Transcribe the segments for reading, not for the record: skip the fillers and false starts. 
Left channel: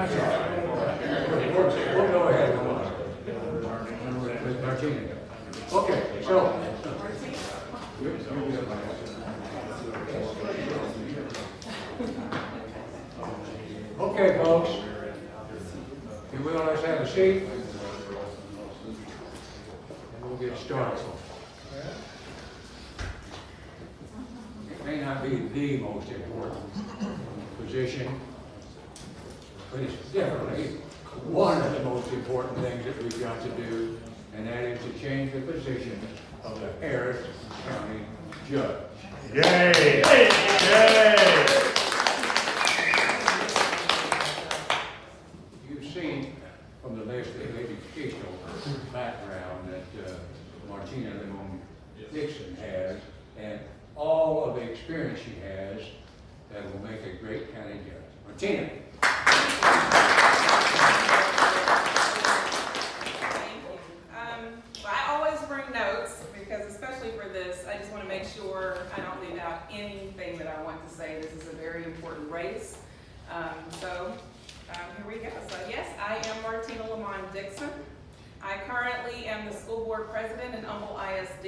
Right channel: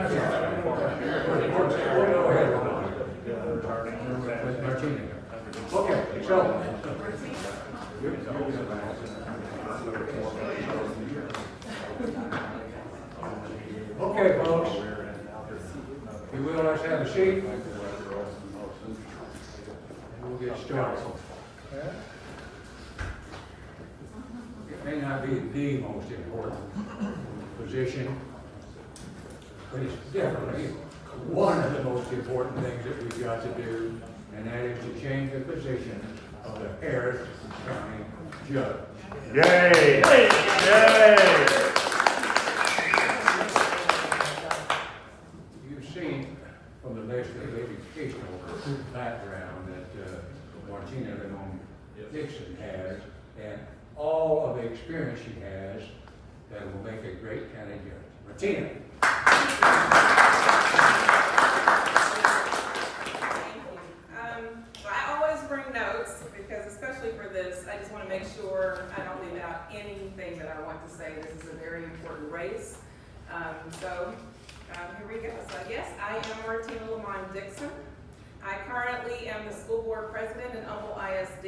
That's all right. We'll go ahead with Martina. Okay, so. Okay, folks. If you will, let's have a seat. And we'll get started. It may not be the most important position, but it's definitely one of the most important things that we've got to do, and that is to change the position of the Harris County Judge. Yay! Yay! You've seen from the list of educational background that Martina Limon Dixon has, and all of the experience she has that will make a great county judge. Martina. Thank you. Well, I always bring notes because, especially for this, I just want to make sure I don't leave out anything that I want to say. This is a very important race. Here we go. So yes, I am Martina Limon Dixon. I currently am the school board president in Humble ISD.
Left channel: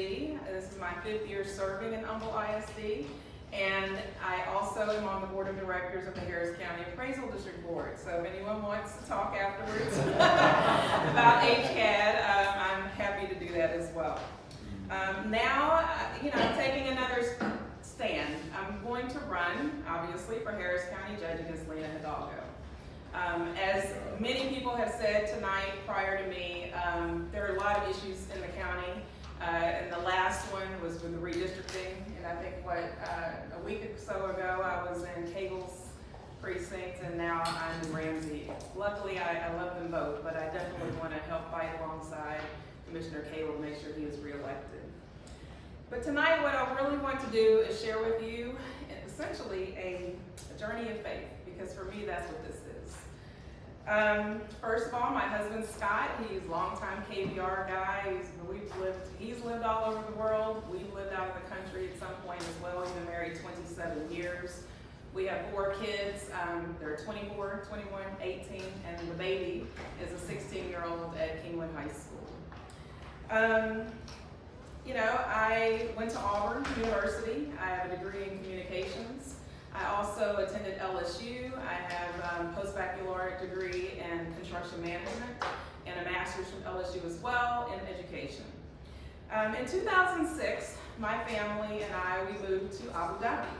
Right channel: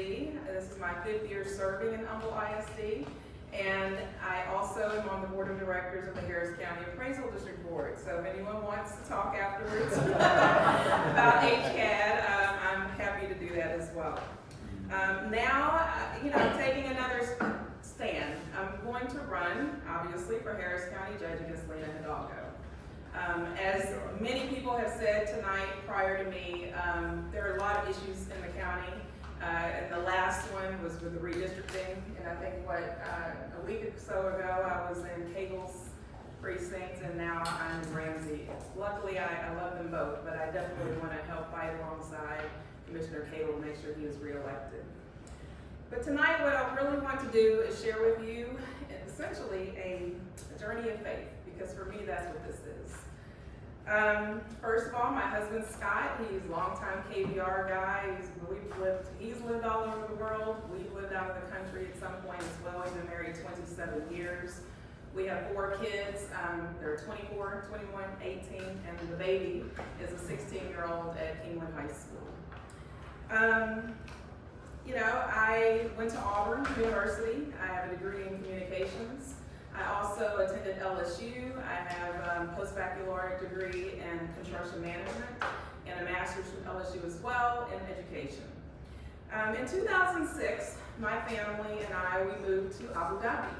This is my 5th year serving in Humble ISD. And I also am on the board of directors of the Harris County Appraisal District Board. So if anyone wants to talk afterwards about HCAD, I'm happy to do that as well. Now, I'm taking another stand. I'm going to run, obviously, for Harris County Judge against Lena Hidalgo. As many people have said tonight prior to me, there are a lot of issues in the county. And the last one was with the redistricting, and I think a week or so ago I was in Cagle's precinct, and now I'm in Ramsey. Luckily, I love them both, but I definitely want to help fight alongside Commissioner Cable to make sure he is reelected. But tonight, what I really want to do is share with you essentially a journey of faith, because for me, that's what this is. First of all, my husband Scott, he's a longtime KBR guy. He's lived all over the world. We've lived out of the country at some point as well. We've been married 27 years. We have 4 kids. They're 24, 21, 18, and the baby is a 16-year-old at Kingwood High School. I went to Auburn University. I have a degree in communications. I also attended LSU. I have a post-baccalaureate degree in construction management and a master's from LSU as well in education. In 2006, my family and we moved to Abu Dhabi.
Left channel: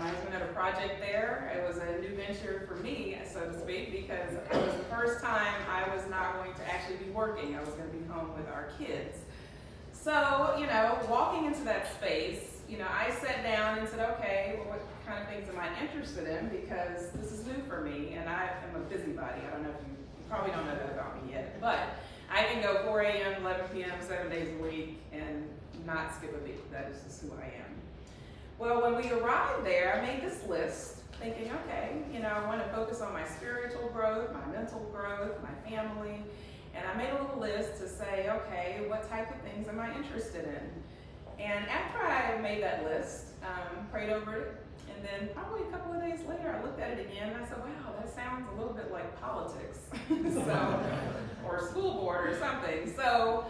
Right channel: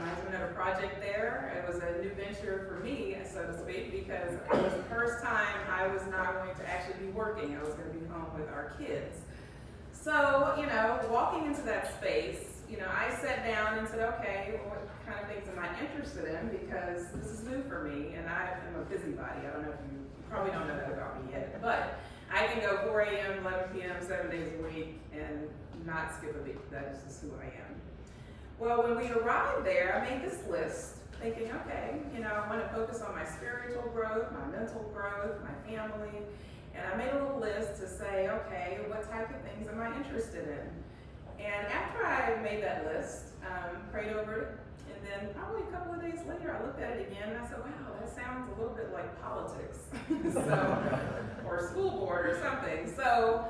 My husband had a project there. It was a new venture for me, so to speak, because it was the first time I was not going to actually be working. I was going to be home with our kids. So, walking into that space, I sat down and said, okay, well, what kind of things am I interested in? Because this is new for me, and I am a busybody. I don't know if you probably don't know that about me yet, but I can go 4 a.m., 11 p.m., 7 days a week, and not skip a beat. That is just who I am. Well, when we arrived there, I made this list, thinking, okay, I want to focus on my spiritual growth, my mental growth, my family, and I made a little list to say, okay, what type of things am I interested in? And after I made that list, prayed over it, and then probably a couple of days later, I looked at it again and I said, wow, that sounds a little bit like politics, or school board or something. So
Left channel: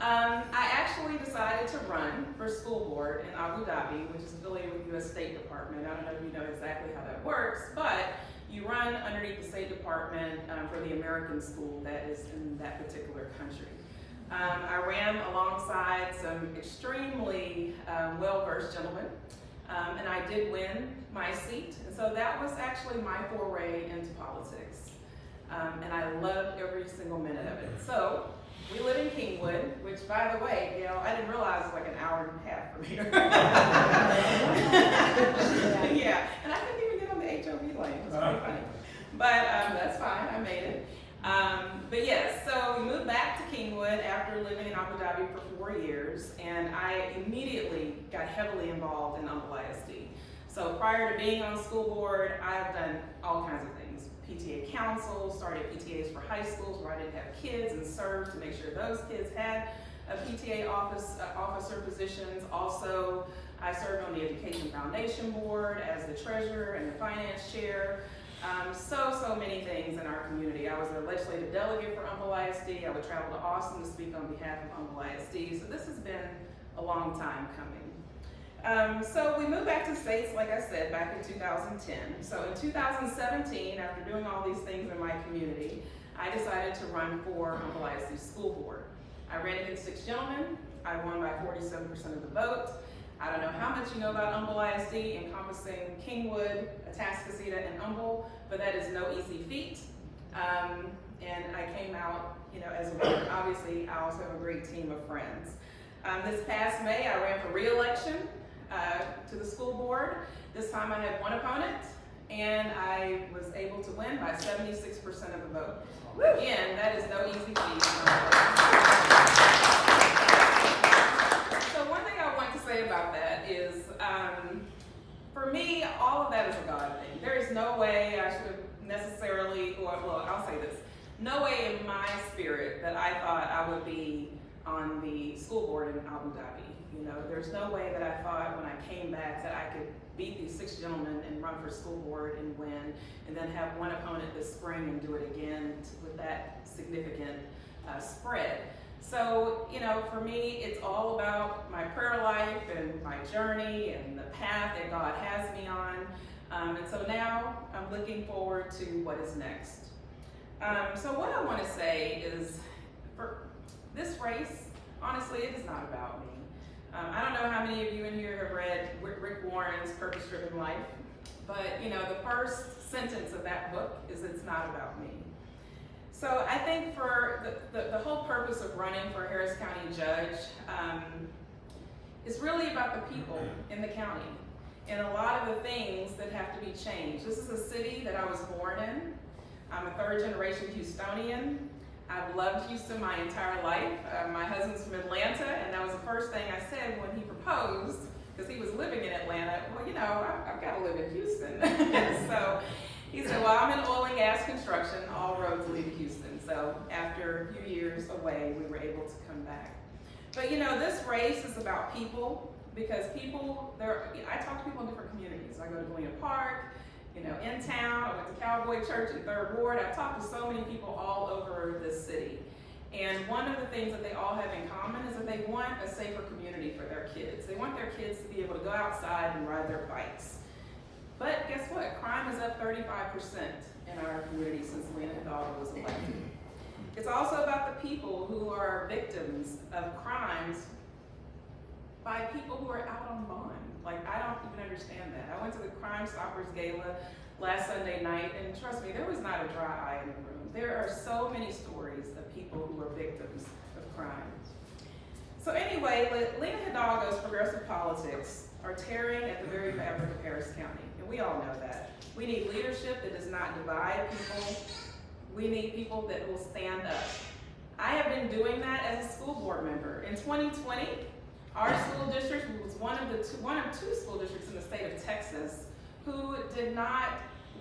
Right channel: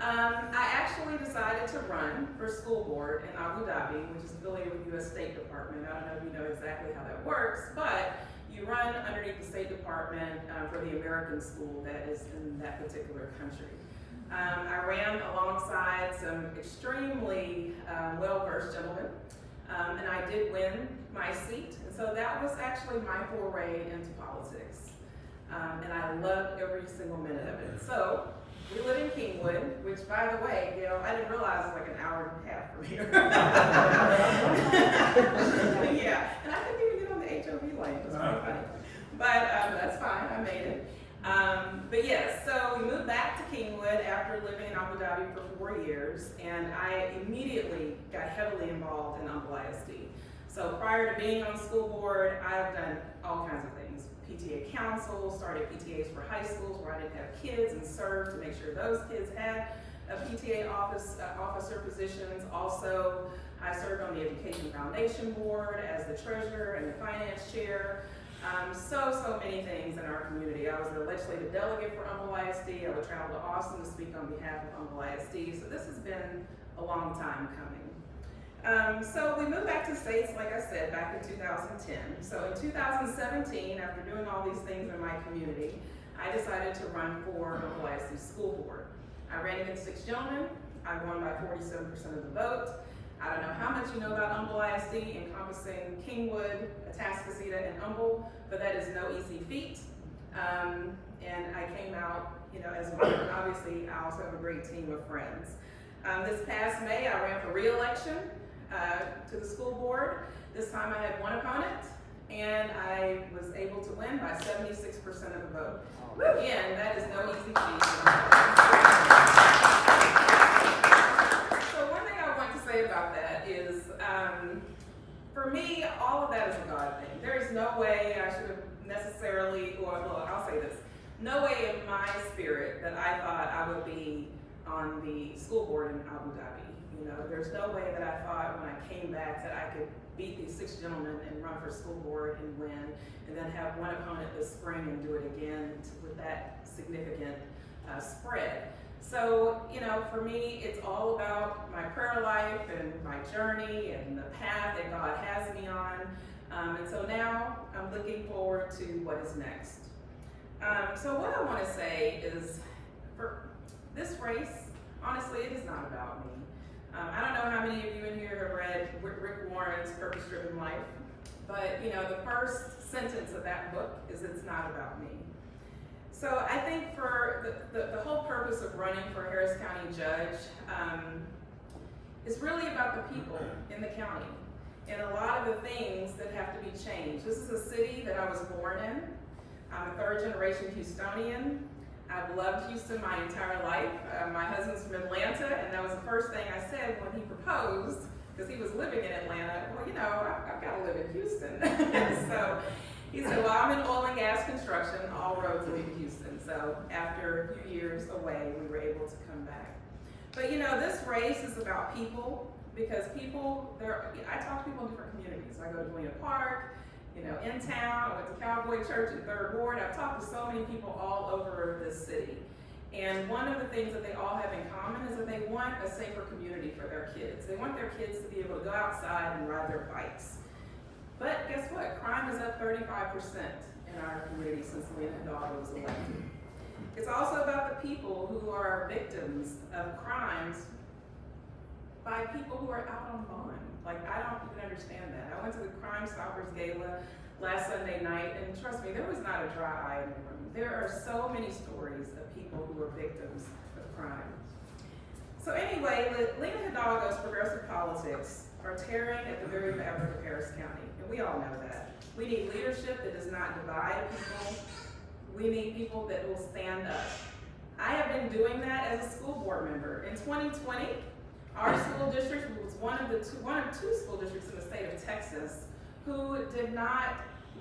I actually decided to run for school board in Abu Dhabi, which is affiliated with U.S. State Department. I don't know if you know exactly how that works, but you run underneath the State Department for the American school that is in that particular country. I ran alongside some extremely well-versed gentlemen, and I did win my seat. And so that was actually my foray into politics. And I loved every single minute of it. So we live in Kingwood, which, by the way, Gail, I didn't realize it was like an hour and a half from here. Yeah, and I didn't even get on the HOV lane. It was pretty funny. But that's fine, I made it. But yes, so we moved back to Kingwood after living in Abu Dhabi for 4 years, and I immediately got heavily involved in Humble ISD. So prior to being on the school board, I've done all kinds of things. PTA council, started PTAs for high schools where I didn't have kids, and served to make sure those kids had a PTA officer positions. Also, I served on the Education Foundation Board as the treasurer and the finance chair. So many things in our community. I was a legislative delegate for Humble ISD. I would travel to Austin to speak on behalf of Humble ISD. So this has been a long time coming. So we moved back to states, like I said, back in 2010. So in 2017, after doing all these things in my community, I decided to run for Humble ISD School Board. I ran against 6 gentlemen. I won by 47% of the vote. I don't know how much you know about Humble ISD, encompassing Kingwood, Atascocita, and Humble, but that is no easy feat. And I came out, as a winner. Obviously, I also have a great team of friends. This past May, I ran for re-election to the school board. This time I had one opponent, and I was able to win by 76% of the vote. Again, that is no easy feat. So one thing I want to say about that is, for me, all of that is a God thing. There is no way I should have necessarily, well, I'll say this, no way in my spirit that I thought I would be on the school board in Abu Dhabi. There's no way that I thought when I came back that I could beat these 6 gentlemen and run for school board and win, and then have one opponent this spring and do it again with that significant spread. So, for me, it's all about my prayer life and my journey and the path that God has me on. And so now I'm looking forward to what is next. So what I want to say is, for this race, honestly, it is not about me. I don't know how many of you in here have read Rick Warren's Purpose Driven Life, but the first sentence of that book is, it's not about me. So I think for the whole purpose of running for Harris County Judge is really about the people in the county and a lot of the things that have to be changed. This is a city that I was born in. I'm a 3rd generation Houstonian. I've loved Houston my entire life. My husband's from Atlanta, and that was the first thing I said when he proposed, because he was living in Atlanta. Well, I've got to live in Houston. So he said, well, I'm in oil and gas construction. All roads lead to Houston. So after a few years away, we were able to come back. But this race is about people, because I talk to people in different communities. I go to Galena Park, in town. I went to Cowboy Church in 3rd Ward. I've talked to so many people all over this city. And one of the things that they all have in common is that they want a safer community for their kids. They want their kids to be able to go outside and ride their bikes. But guess what? Crime is up 35% in our community since Lena Hidalgo was elected. It's also about the people who are victims of crimes by people who are out on bond. I don't even understand that. I went to the Crime Stoppers Gala last Sunday night, and trust me, there was not a dry eye in the room. There are so many stories of people who are victims of crime. So anyway, Lena Hidalgo's progressive politics are tearing at the very fabric of Harris County, and we all know that. We need leadership that does not divide people. We need people that will stand up. I have been doing that as a school board member. In 2020, our school district was one of 2 school districts in the state of Texas who did not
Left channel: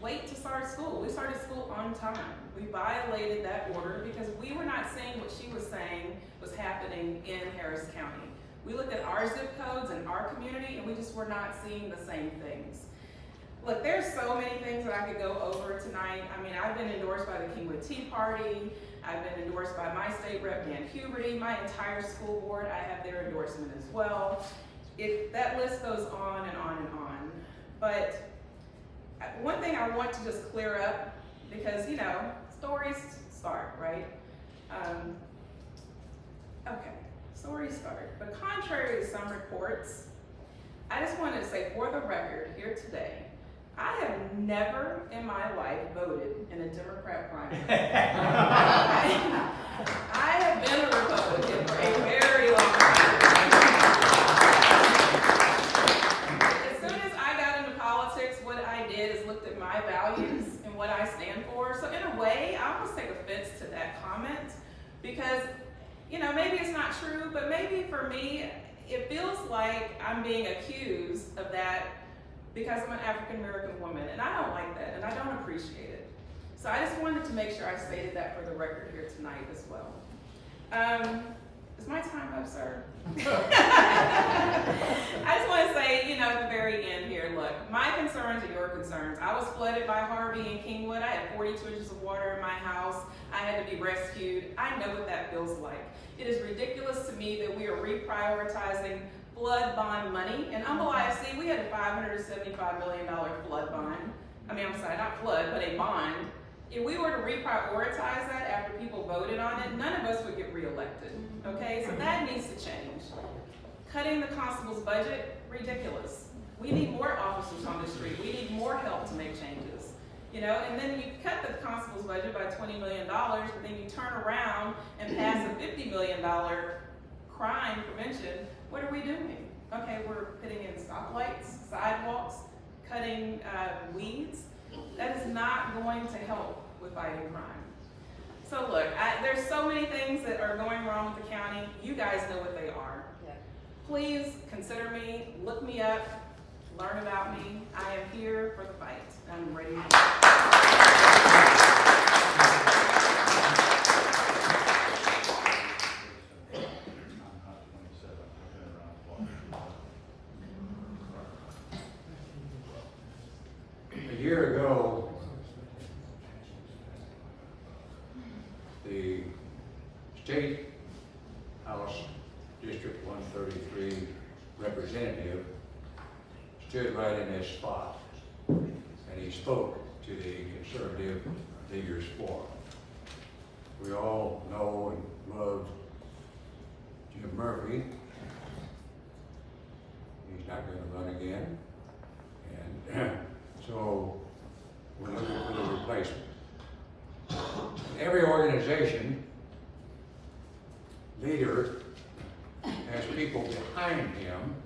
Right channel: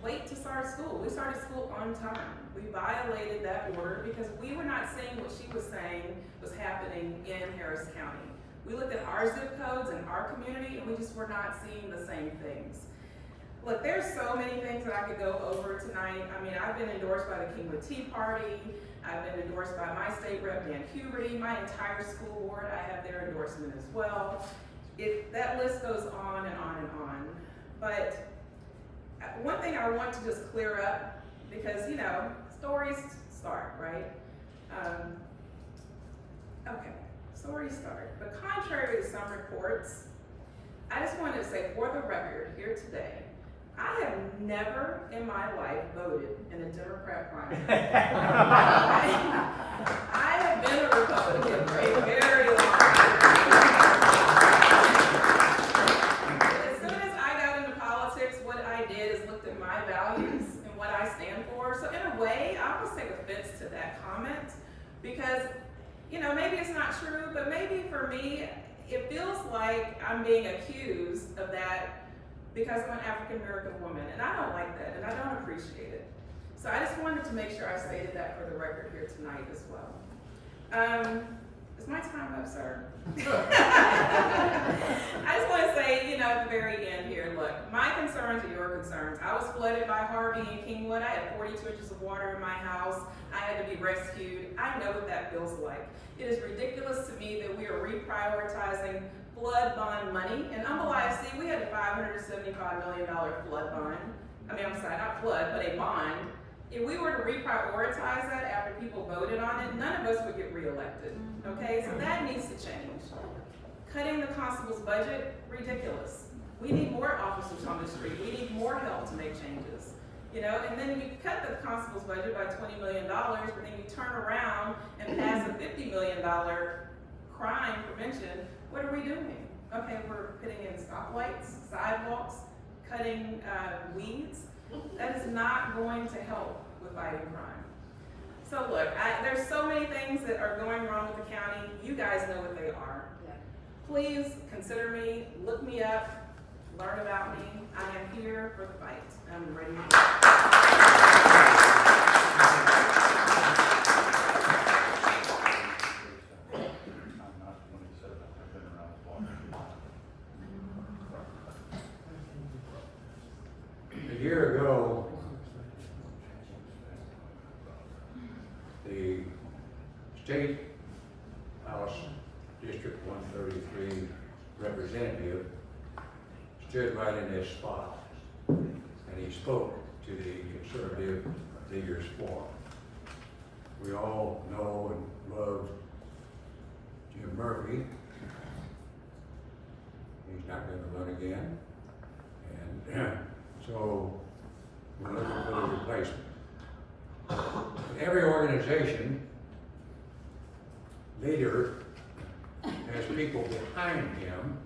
wait to start school. We started school on time. We violated that order because we were not seeing what she was saying was happening in Harris County. We looked at our zip codes and our community, and we just were not seeing the same things. Look, there's so many things that I could go over tonight. I mean, I've been endorsed by the Kingwood Tea Party. I've been endorsed by my state rep, Dan Huberty. My entire school board, I have their endorsement as well. That list goes on and on and on. But one thing I want to just clear up, because, stories start, right? Okay, stories start. But contrary to some reports, I just wanted to say for the record here today, I have never in my life voted in a Democrat primary. I have been a Republican for a very long time. As soon as I got into politics, what I did is looked at my values and what I stand for. So in a way, I almost take offense to that comment because, maybe it's not true, but maybe for me, it feels like I'm being accused of that because I'm an African American woman, and I don't like that, and I don't appreciate it. So I just wanted to make sure I stated that for the record here tonight as well. Is my time up, sir? I just want to say, you know, at the very end here, look, my concerns are your concerns. I was flooded by Harvey in Kingwood. I had 42 inches of water in my house. I had to be rescued. I know what that feels like. It is ridiculous to me that we are reprioritizing flood bond money. In Humble IFC, we had a $575 million flood bond. I mean, I'm sorry, not flood, but a bond. If we were to reprioritize that after people voted on it, none of us would get reelected, okay? So that needs to change. Cutting the constable's budget, ridiculous. We need more officers on the street. We need more help to make changes, you know? And then you cut the constable's budget by $20 million, but then you turn around and pass a $50 million crime prevention. What are we doing? Okay, we're putting in stoplights, sidewalks, cutting weeds. That is not going to help with fighting crime. So look, there's so many things that are going wrong with the county. You guys know what they are. Yeah. Please consider me, look me up, learn about me. I am here for the fight. I'm ready to A year ago, the State House District 133 representative stood right in this spot, and he spoke to the Conservative Leaders Forum. We all know and love Jim Murphy. He's not going to run again, and so we're looking for the replacement. Every organization leader has people behind him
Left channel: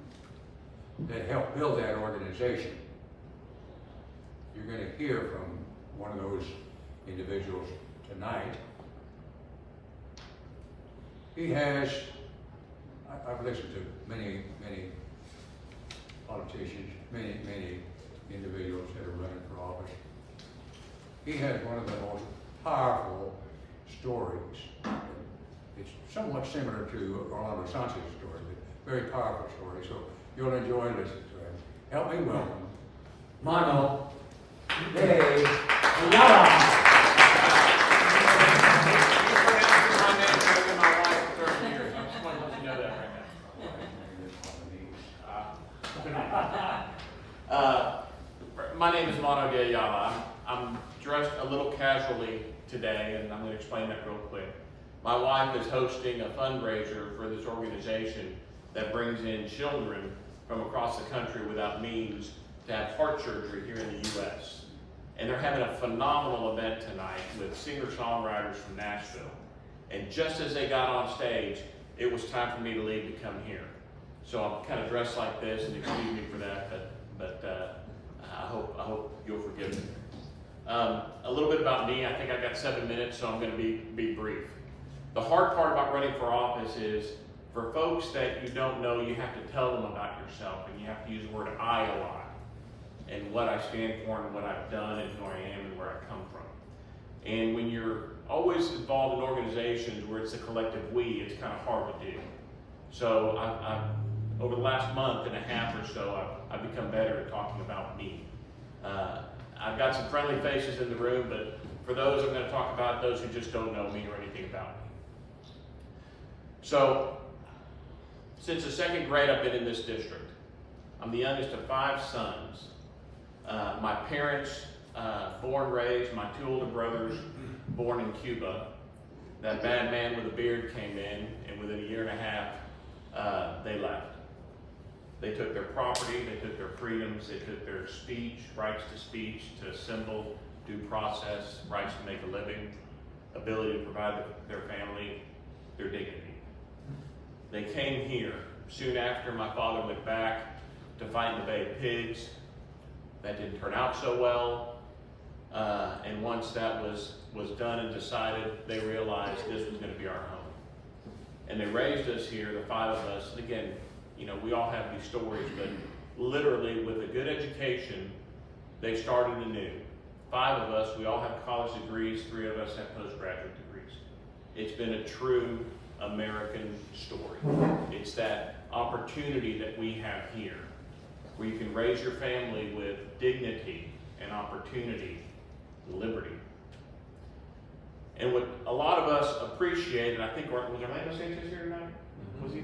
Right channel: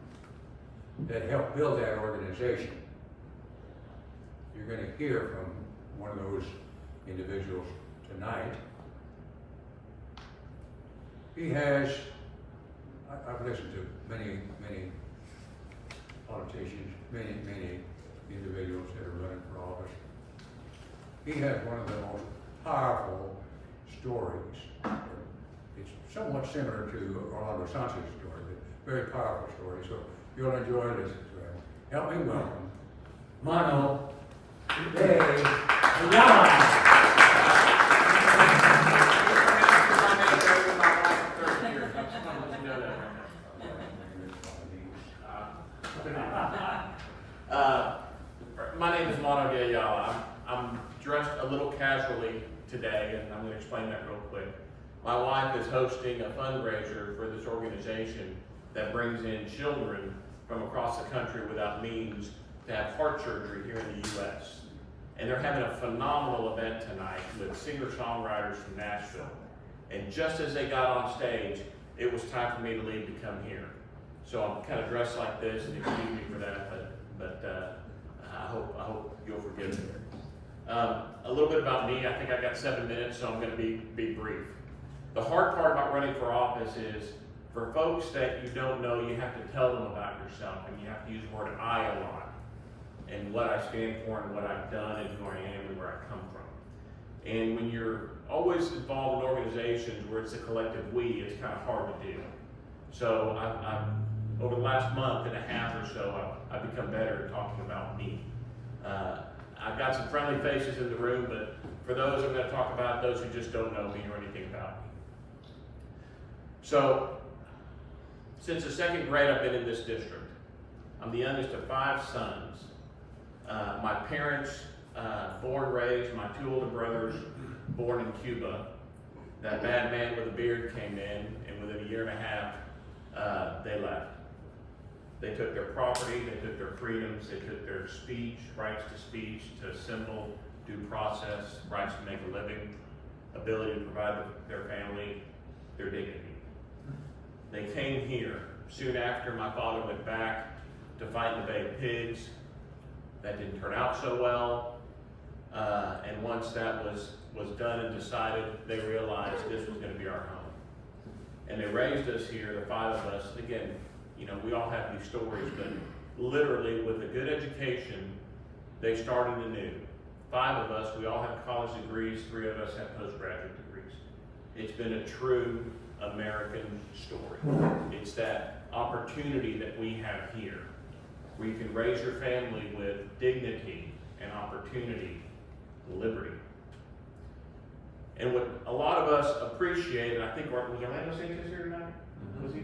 that help build that organization. You're going to hear from one of those individuals tonight. He has, I've listened to many politicians, many individuals that are running for office. He has one of the most powerful stories. It's somewhat similar to Orlando Sanchez's story, but very powerful story. So you'll enjoy listening to him. Help me welcome Mono de Ayala. My name is Mono de Ayala. I'm dressed a little casually today, and I'm going to explain that real quick. My wife is hosting a fundraiser for this organization that brings in children from across the country without means to have heart surgery here in the U.S. And they're having a phenomenal event tonight with singer-songwriters from Nashville. And just as they got on stage, it was time for me to leave to come here. So I'm kind of dressed like this, and excuse me for that, but I hope you'll forgive me. A little bit about me. I think I've got 7 minutes, so I'm going to be brief. The hard part about running for office is, for folks that you don't know, you have to tell them about yourself, and you have to use the word I a lot, and what I stand for, and what I've done, and who I am, and where I come from. And when you're always involved in organizations where it's a collective we, it's kind of hard to do. So I've over the last month and a half or so, I've become better at talking about me. I've got some friendly faces in the room, but for those I'm going to talk about, those who just don't know me or anything about me. So, since the second grade, I've been in this district. I'm the youngest of 5 sons. My parents, born, raised, my 2 older brothers, born in Cuba. That bad man with a beard came in, and within a year and a half, they left. They took their property, they took their freedoms, they took their speech, rights to speech, to assemble, due process, rights to make a living, ability to provide their family, their dignity. They came here. Soon after, my father went back to fight the Bay of Pigs. That didn't turn out so well. And once that was done and decided, they realized this was going to be our home. And they raised us here, the 5 of us. And again, you know, we all have these stories, but literally with a good education, they started anew. 5 of us, we all have college degrees, 3 of us have postgraduate degrees. It's been a true American story. It's that opportunity that we have here, where you can raise your family with dignity and opportunity, and liberty. And what a lot of us appreciate, and I think, was Orlando Sanchez here tonight? Was he?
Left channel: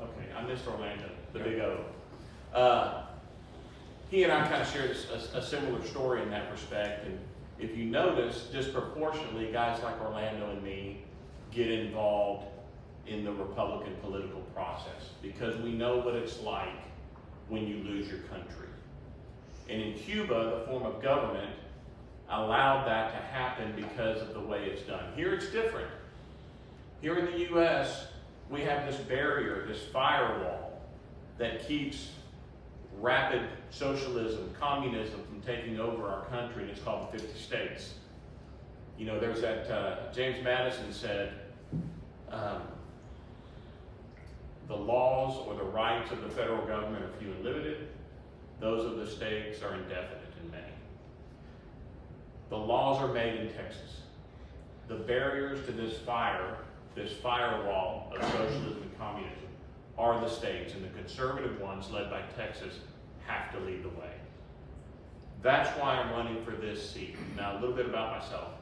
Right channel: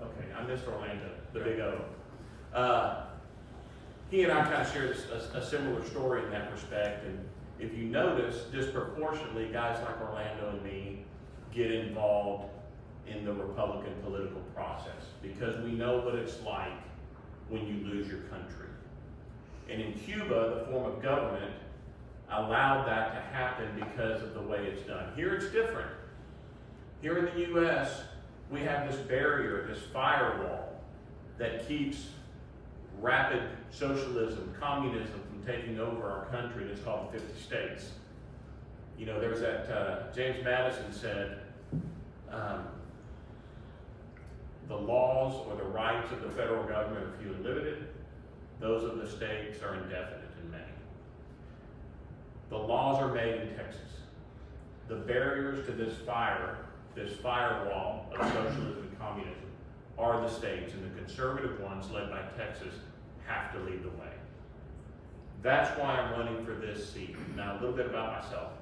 Okay, I missed Orlando, the Big O. He and I kind of shared a similar story in that respect, and if you notice, disproportionately, guys like Orlando and me get involved in the Republican political process, because we know what it's like when you lose your country. And in Cuba, the form of government allowed that to happen because of the way it's done. Here it's different. Here in the U.S., we have this barrier, this firewall that keeps rapid socialism, communism from taking over our country. It's called the 50 states. You know, there's that, James Madison said, the laws or the rights of the federal government are few and limited. Those of the states are indefinite and many. The laws are made in Texas. The barriers to this firewall of socialism and communism are the states, and the conservative ones, led by Texas, have to lead the way. That's why I'm running for this seat. Now, a little bit about myself.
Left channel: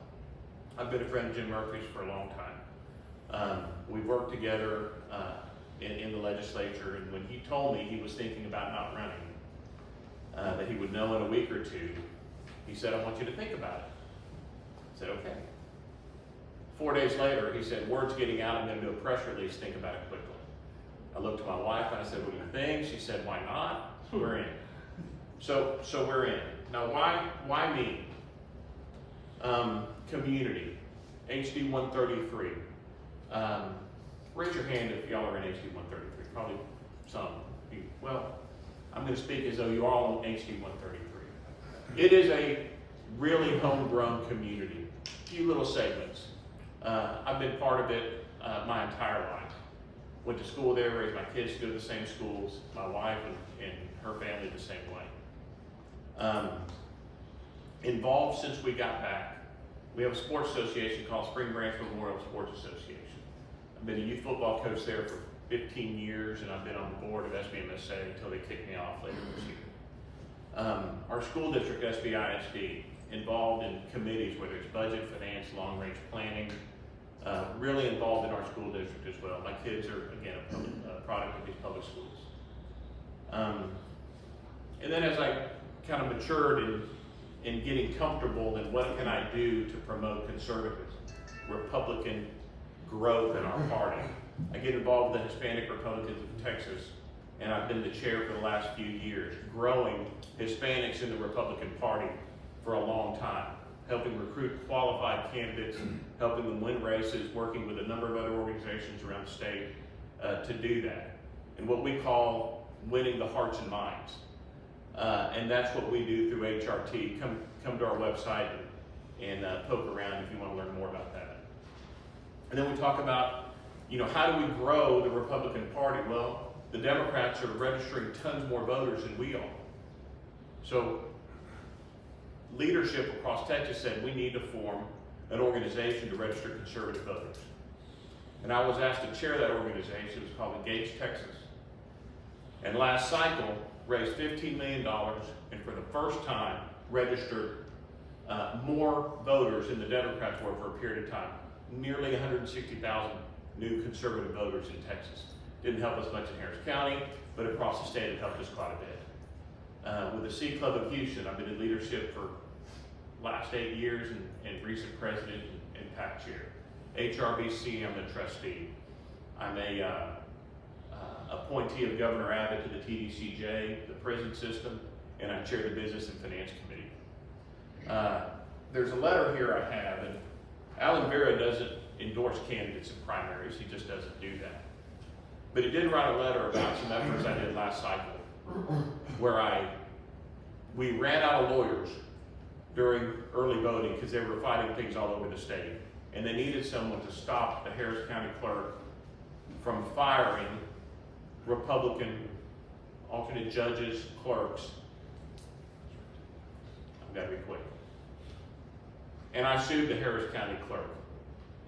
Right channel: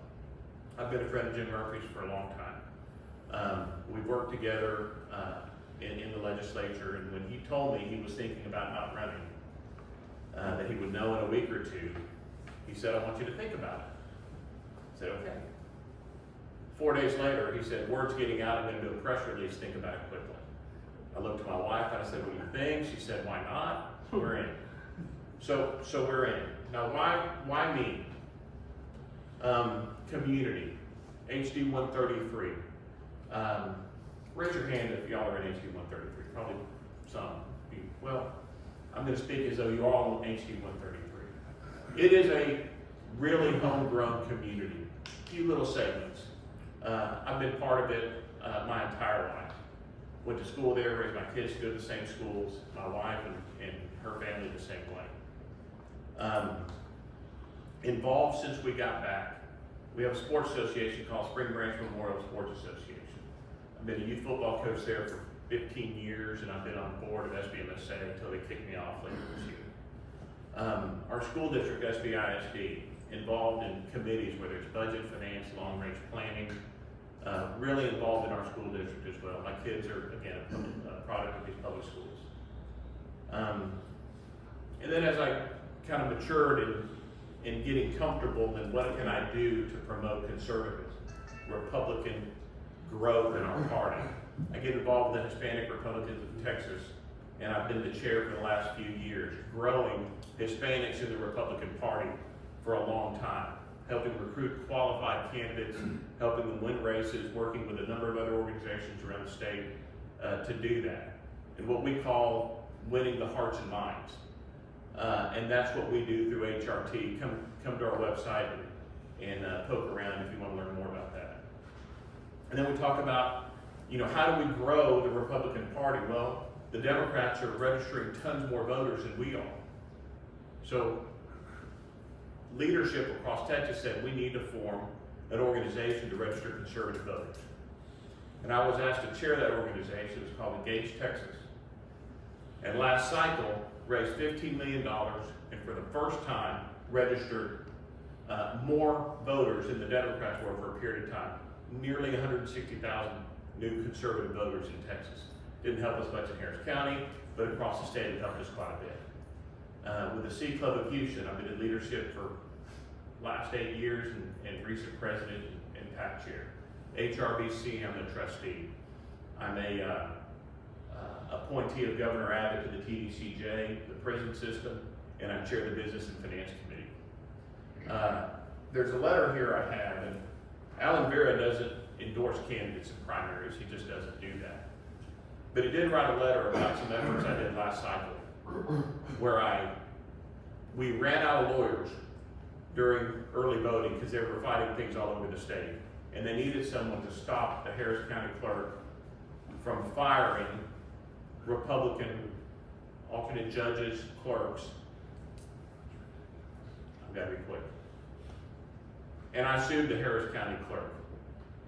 I've been a friend of Jim Murphy's for a long time. We've worked together in the legislature, and when he told me he was thinking about not running, that he would know in a week or two, he said, I want you to think about it. I said, okay. 4 days later, he said, word's getting out, I'm going to do a press release, think about it quickly. I looked at my wife and I said, what do you think? She said, why not? We're in. So we're in. Now, why me? Community, HD 133. Raise your hand if y'all are in HD 133. Probably some. Well, I'm going to speak as though you are all on HD 133. It is a really homegrown community. Few little segments. I've been part of it my entire life. Went to school there, raised my kids to go to the same schools, my wife and her family the same way. Involved since we got back. We have a sports association called Spring Branch Memorial Sports Association. I've been a youth football coach there for 15 years, and I've been on the board of SBMSA until they kicked me off later this year. Our school district, SBISD, involved in committees, whether it's budget, finance, long-range planning, really involved in our school district as well. My kids are, again, a product of these public schools. And then as I kind of matured in getting comfortable, then what can I do to promote conservatism, Republican growth in our party? I get involved with the Hispanic Republicans of Texas, and I've been the chair for the last few years, growing Hispanics in the Republican Party for a long time, helping recruit qualified candidates, helping them win races, working with a number of other organizations around the state to do that. And what we call winning the hearts and minds. And that's what we do through HRT. Come to our website and poke around if you want to learn more about that. And then we talk about, how do we grow the Republican Party? Well, the Democrats are registering tons more voters than we are. So leadership across Texas said we need to form an organization to register conservative voters. And I was asked to chair that organization. It's called Engage Texas. And last cycle raised $15 million, and for the first time registered more voters than the Democrats were for a period of time. Nearly 160,000 new conservative voters in Texas. Didn't help us much in Harris County, but across the state it helped us quite a bit. With the C Club of Houston, I've been in leadership for last 8 years and recent president and PAC chair. HRBC, I'm a trustee. I'm a appointee of Governor Abbott to the TDCJ, the prison system, and I chair the Business and Finance Committee. There's a letter here I have, and Alan Vera doesn't endorse candidates in primaries, he just doesn't do that. But he did write a letter about some efforts I did last cycle, where we ran out of lawyers during early voting because they were fighting things all over the state. And they needed someone to stop the Harris County clerk from firing Republican alternate judges, clerks. I've got to be quick. And I sued the Harris County clerk.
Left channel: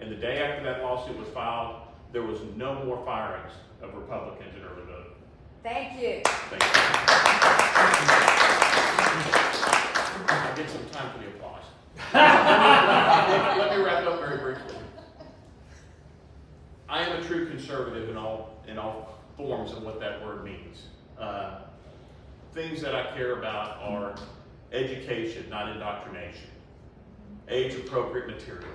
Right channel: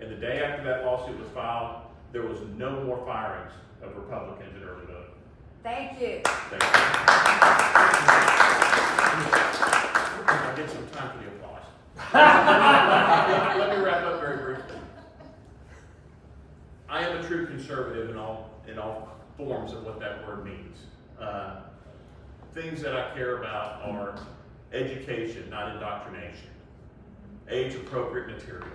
And the day after that lawsuit was filed, there was no more firings of Republicans in Earlyville. Thank you. Thank you. I'll get some time for the applause. Let me wrap up very briefly. I am a true conservative in all forms of what that word means. Things that I care about are education, not indoctrination, age-appropriate material,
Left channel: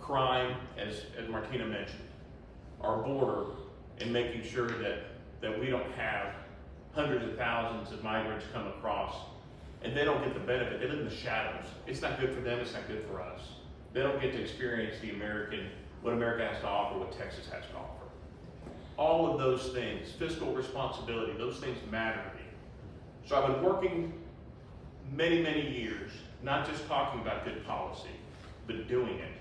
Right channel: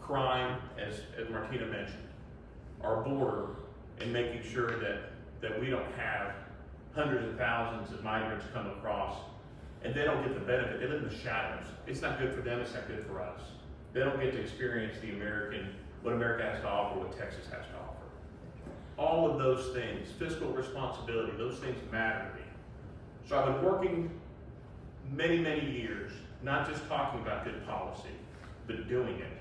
crime, as Martina mentioned, our border, and making sure that we don't have hundreds of thousands of migrants come across and they don't get the benefit. They live in the shadows. It's not good for them, it's not good for us. They don't get to experience what America has to offer, what Texas has to offer. All of those things, fiscal responsibility, those things matter to me. So I've been working many, many years, not just talking about good policy, but doing it.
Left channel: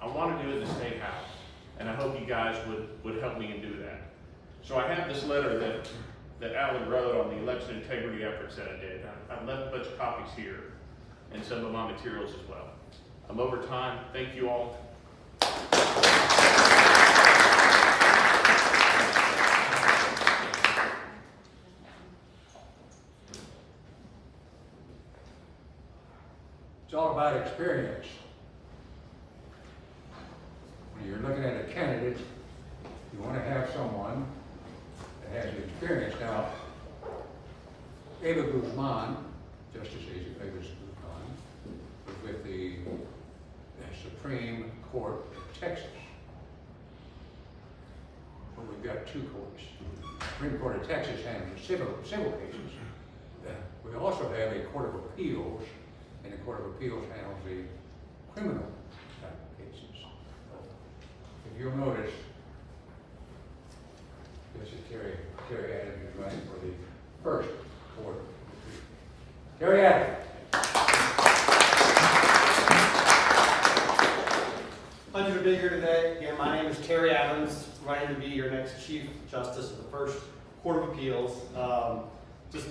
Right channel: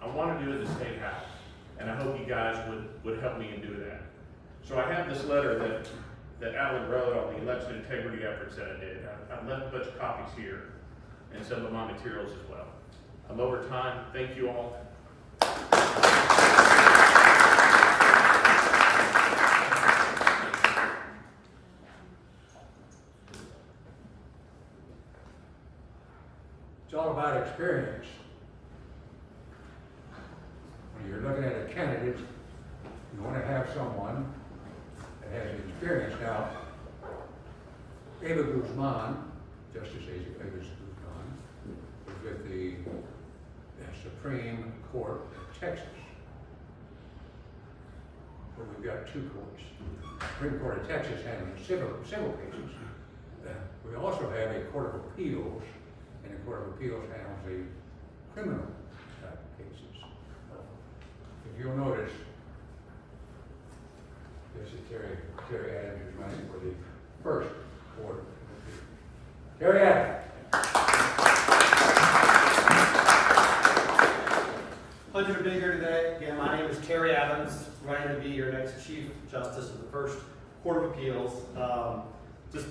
I want to do it in the State House, and I hope you guys would help me and do that. So I have this letter that Alan wrote on the election integrity efforts that I did. I've left a bunch of copies here and some of my materials as well. I'm over time. Thank you all. It's all about experience. When you're looking at a candidate, you want to have someone that has the experience. Now, Eva Guzman, Justice Eva Guzman, was with the Supreme Court of Texas. But we've got two courts. The Supreme Court of Texas handles civil cases. We also have a Court of Appeals, and the Court of Appeals handles the criminal type cases. If you'll notice, this is Terry Adams is running for the first Court of Appeals. Terry Adams. Pleasure to be here today. Again, my name is Terry Adams, running to be your next Chief Justice of the First Court of Appeals. Just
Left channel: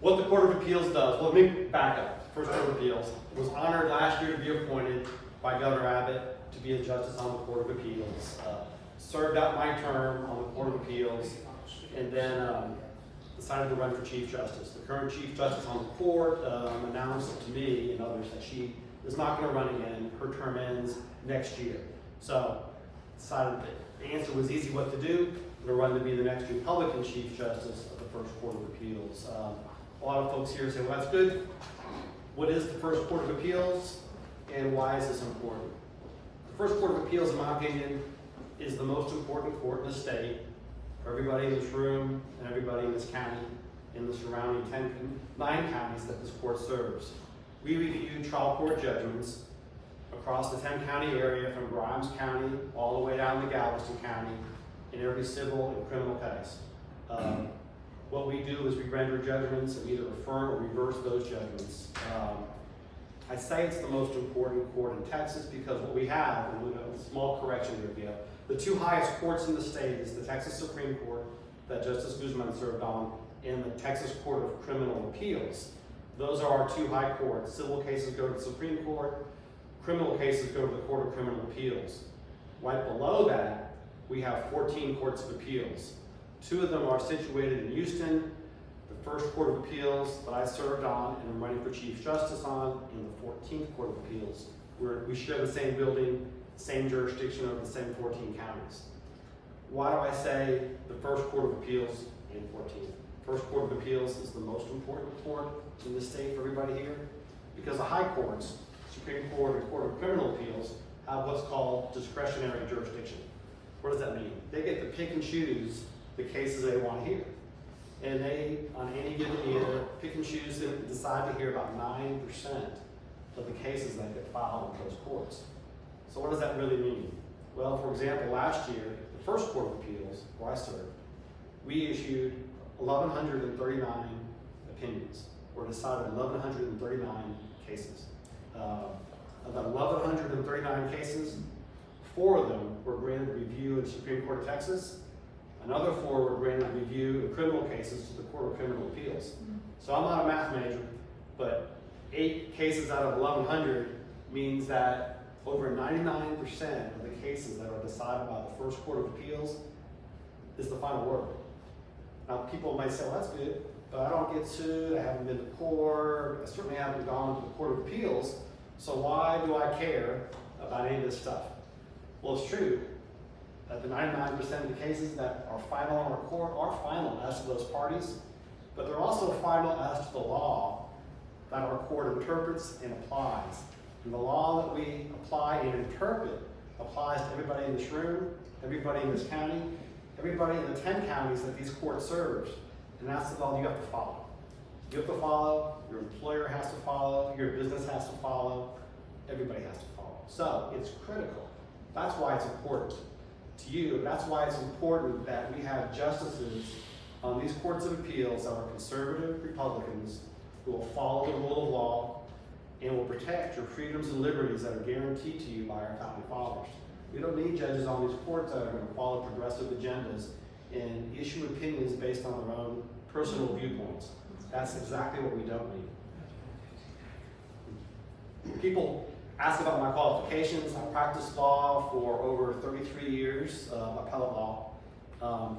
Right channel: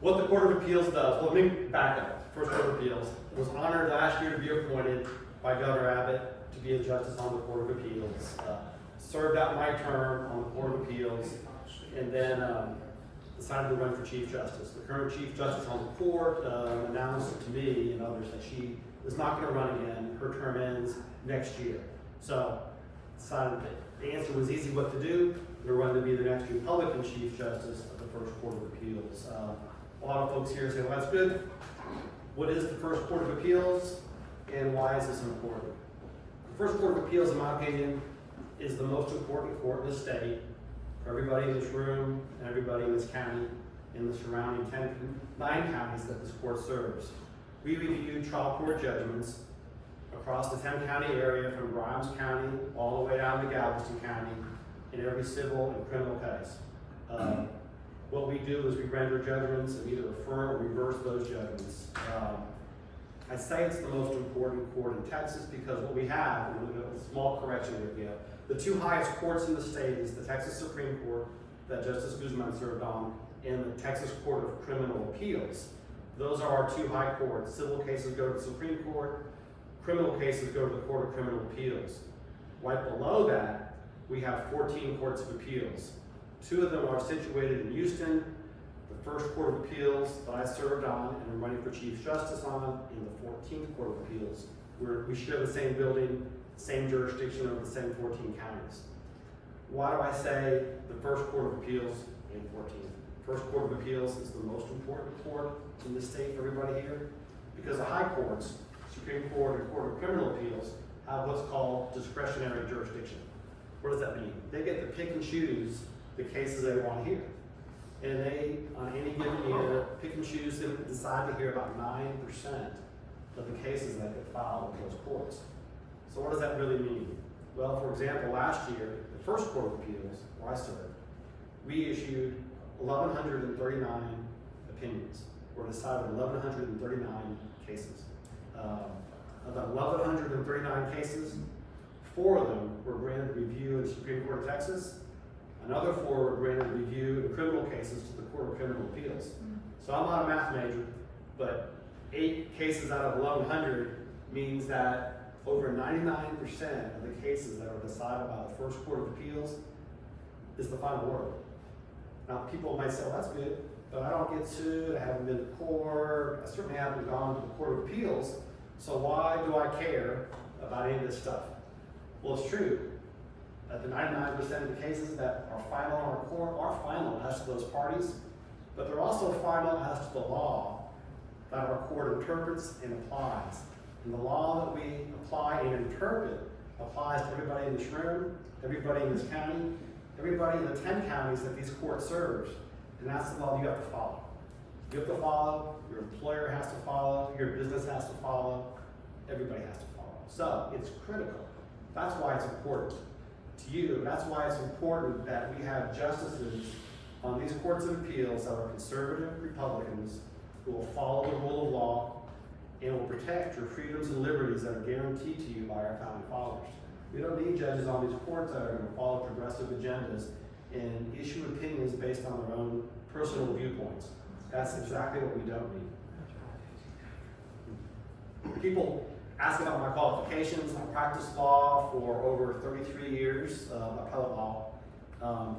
what the Court of Appeals does, let me back up. First Court of Appeals was honored last year to be appointed by Governor Abbott to be a justice on the Court of Appeals. Served out my term on the Court of Appeals, and then decided to run for Chief Justice. The current Chief Justice on the court announced to me and others that she was not going to run again. Her term ends next year. So decided that the answer was easy what to do. I'm going to run to be the next Republican Chief Justice of the First Court of Appeals. A lot of folks here say, well, that's good. What is the First Court of Appeals, and why is this important? The First Court of Appeals, in my opinion, is the most important court in the state for everybody in this room and everybody in this county, in the surrounding 9 counties that this court serves. We review trial court judgments across the 10-county area from Grimes County all the way down to Galveston County in every civil and criminal case. What we do is we render judgments and either affirm or reverse those judgments. I say it's the most important court in Texas because what we have, and a small correction here, the 2 highest courts in the state is the Texas Supreme Court that Justice Guzman served on, and the Texas Court of Criminal Appeals. Those are our 2 high courts. Civil cases go to the Supreme Court, criminal cases go to the Court of Criminal Appeals. Right below that, we have 14 courts of appeals. 2 of them are situated in Houston. The First Court of Appeals that I served on and am running for Chief Justice on, in the 14th Court of Appeals. We share the same building, same jurisdiction over the same 14 counties. Why do I say the First Court of Appeals and 14th? First Court of Appeals is the most important court in the state for everybody here, because the high courts, Supreme Court and Court of Criminal Appeals, have what's called discretionary jurisdiction. What does that mean? They get to pick and choose the cases they want to hear. And they, on any given year, pick and choose and decide to hear about 9% of the cases that get filed with those courts. So what does that really mean? Well, for example, last year, the First Court of Appeals, where I served, we issued 1,139 opinions, or decided 1,139 cases. Of the 1,139 cases, 4 of them were granted review in the Supreme Court of Texas. Another 4 were granted review in criminal cases to the Court of Criminal Appeals. So I'm not a math major, but 8 cases out of 1,100 means that over 99% of the cases that are decided by the First Court of Appeals is the final word. Now, people might say, well, that's good, but I don't get sued, I haven't been to court, I certainly haven't gone to the Court of Appeals, so why do I care about any of this stuff? Well, it's true that the 99% of the cases that are final in our court are final as to those parties, but they're also final as to the law that our court interprets and applies. And the law that we apply and interpret applies to everybody in this room, everybody in this county, everybody in the 10 counties that these courts serve. And that's the law you have to follow. You have to follow, your employer has to follow, your business has to follow, everybody has to follow. So it's critical. That's why it's important to you. That's why it's important that we have justices on these courts of appeals that are conservative Republicans who will follow the rule of law and will protect your freedoms and liberties that are guaranteed to you by our founding fathers. We don't need judges on these courts that are going to follow progressive agendas and issue opinions based on their own personal viewpoints. That's exactly what we don't need. People ask about my qualifications. I practiced law for over 33 years, appellate law,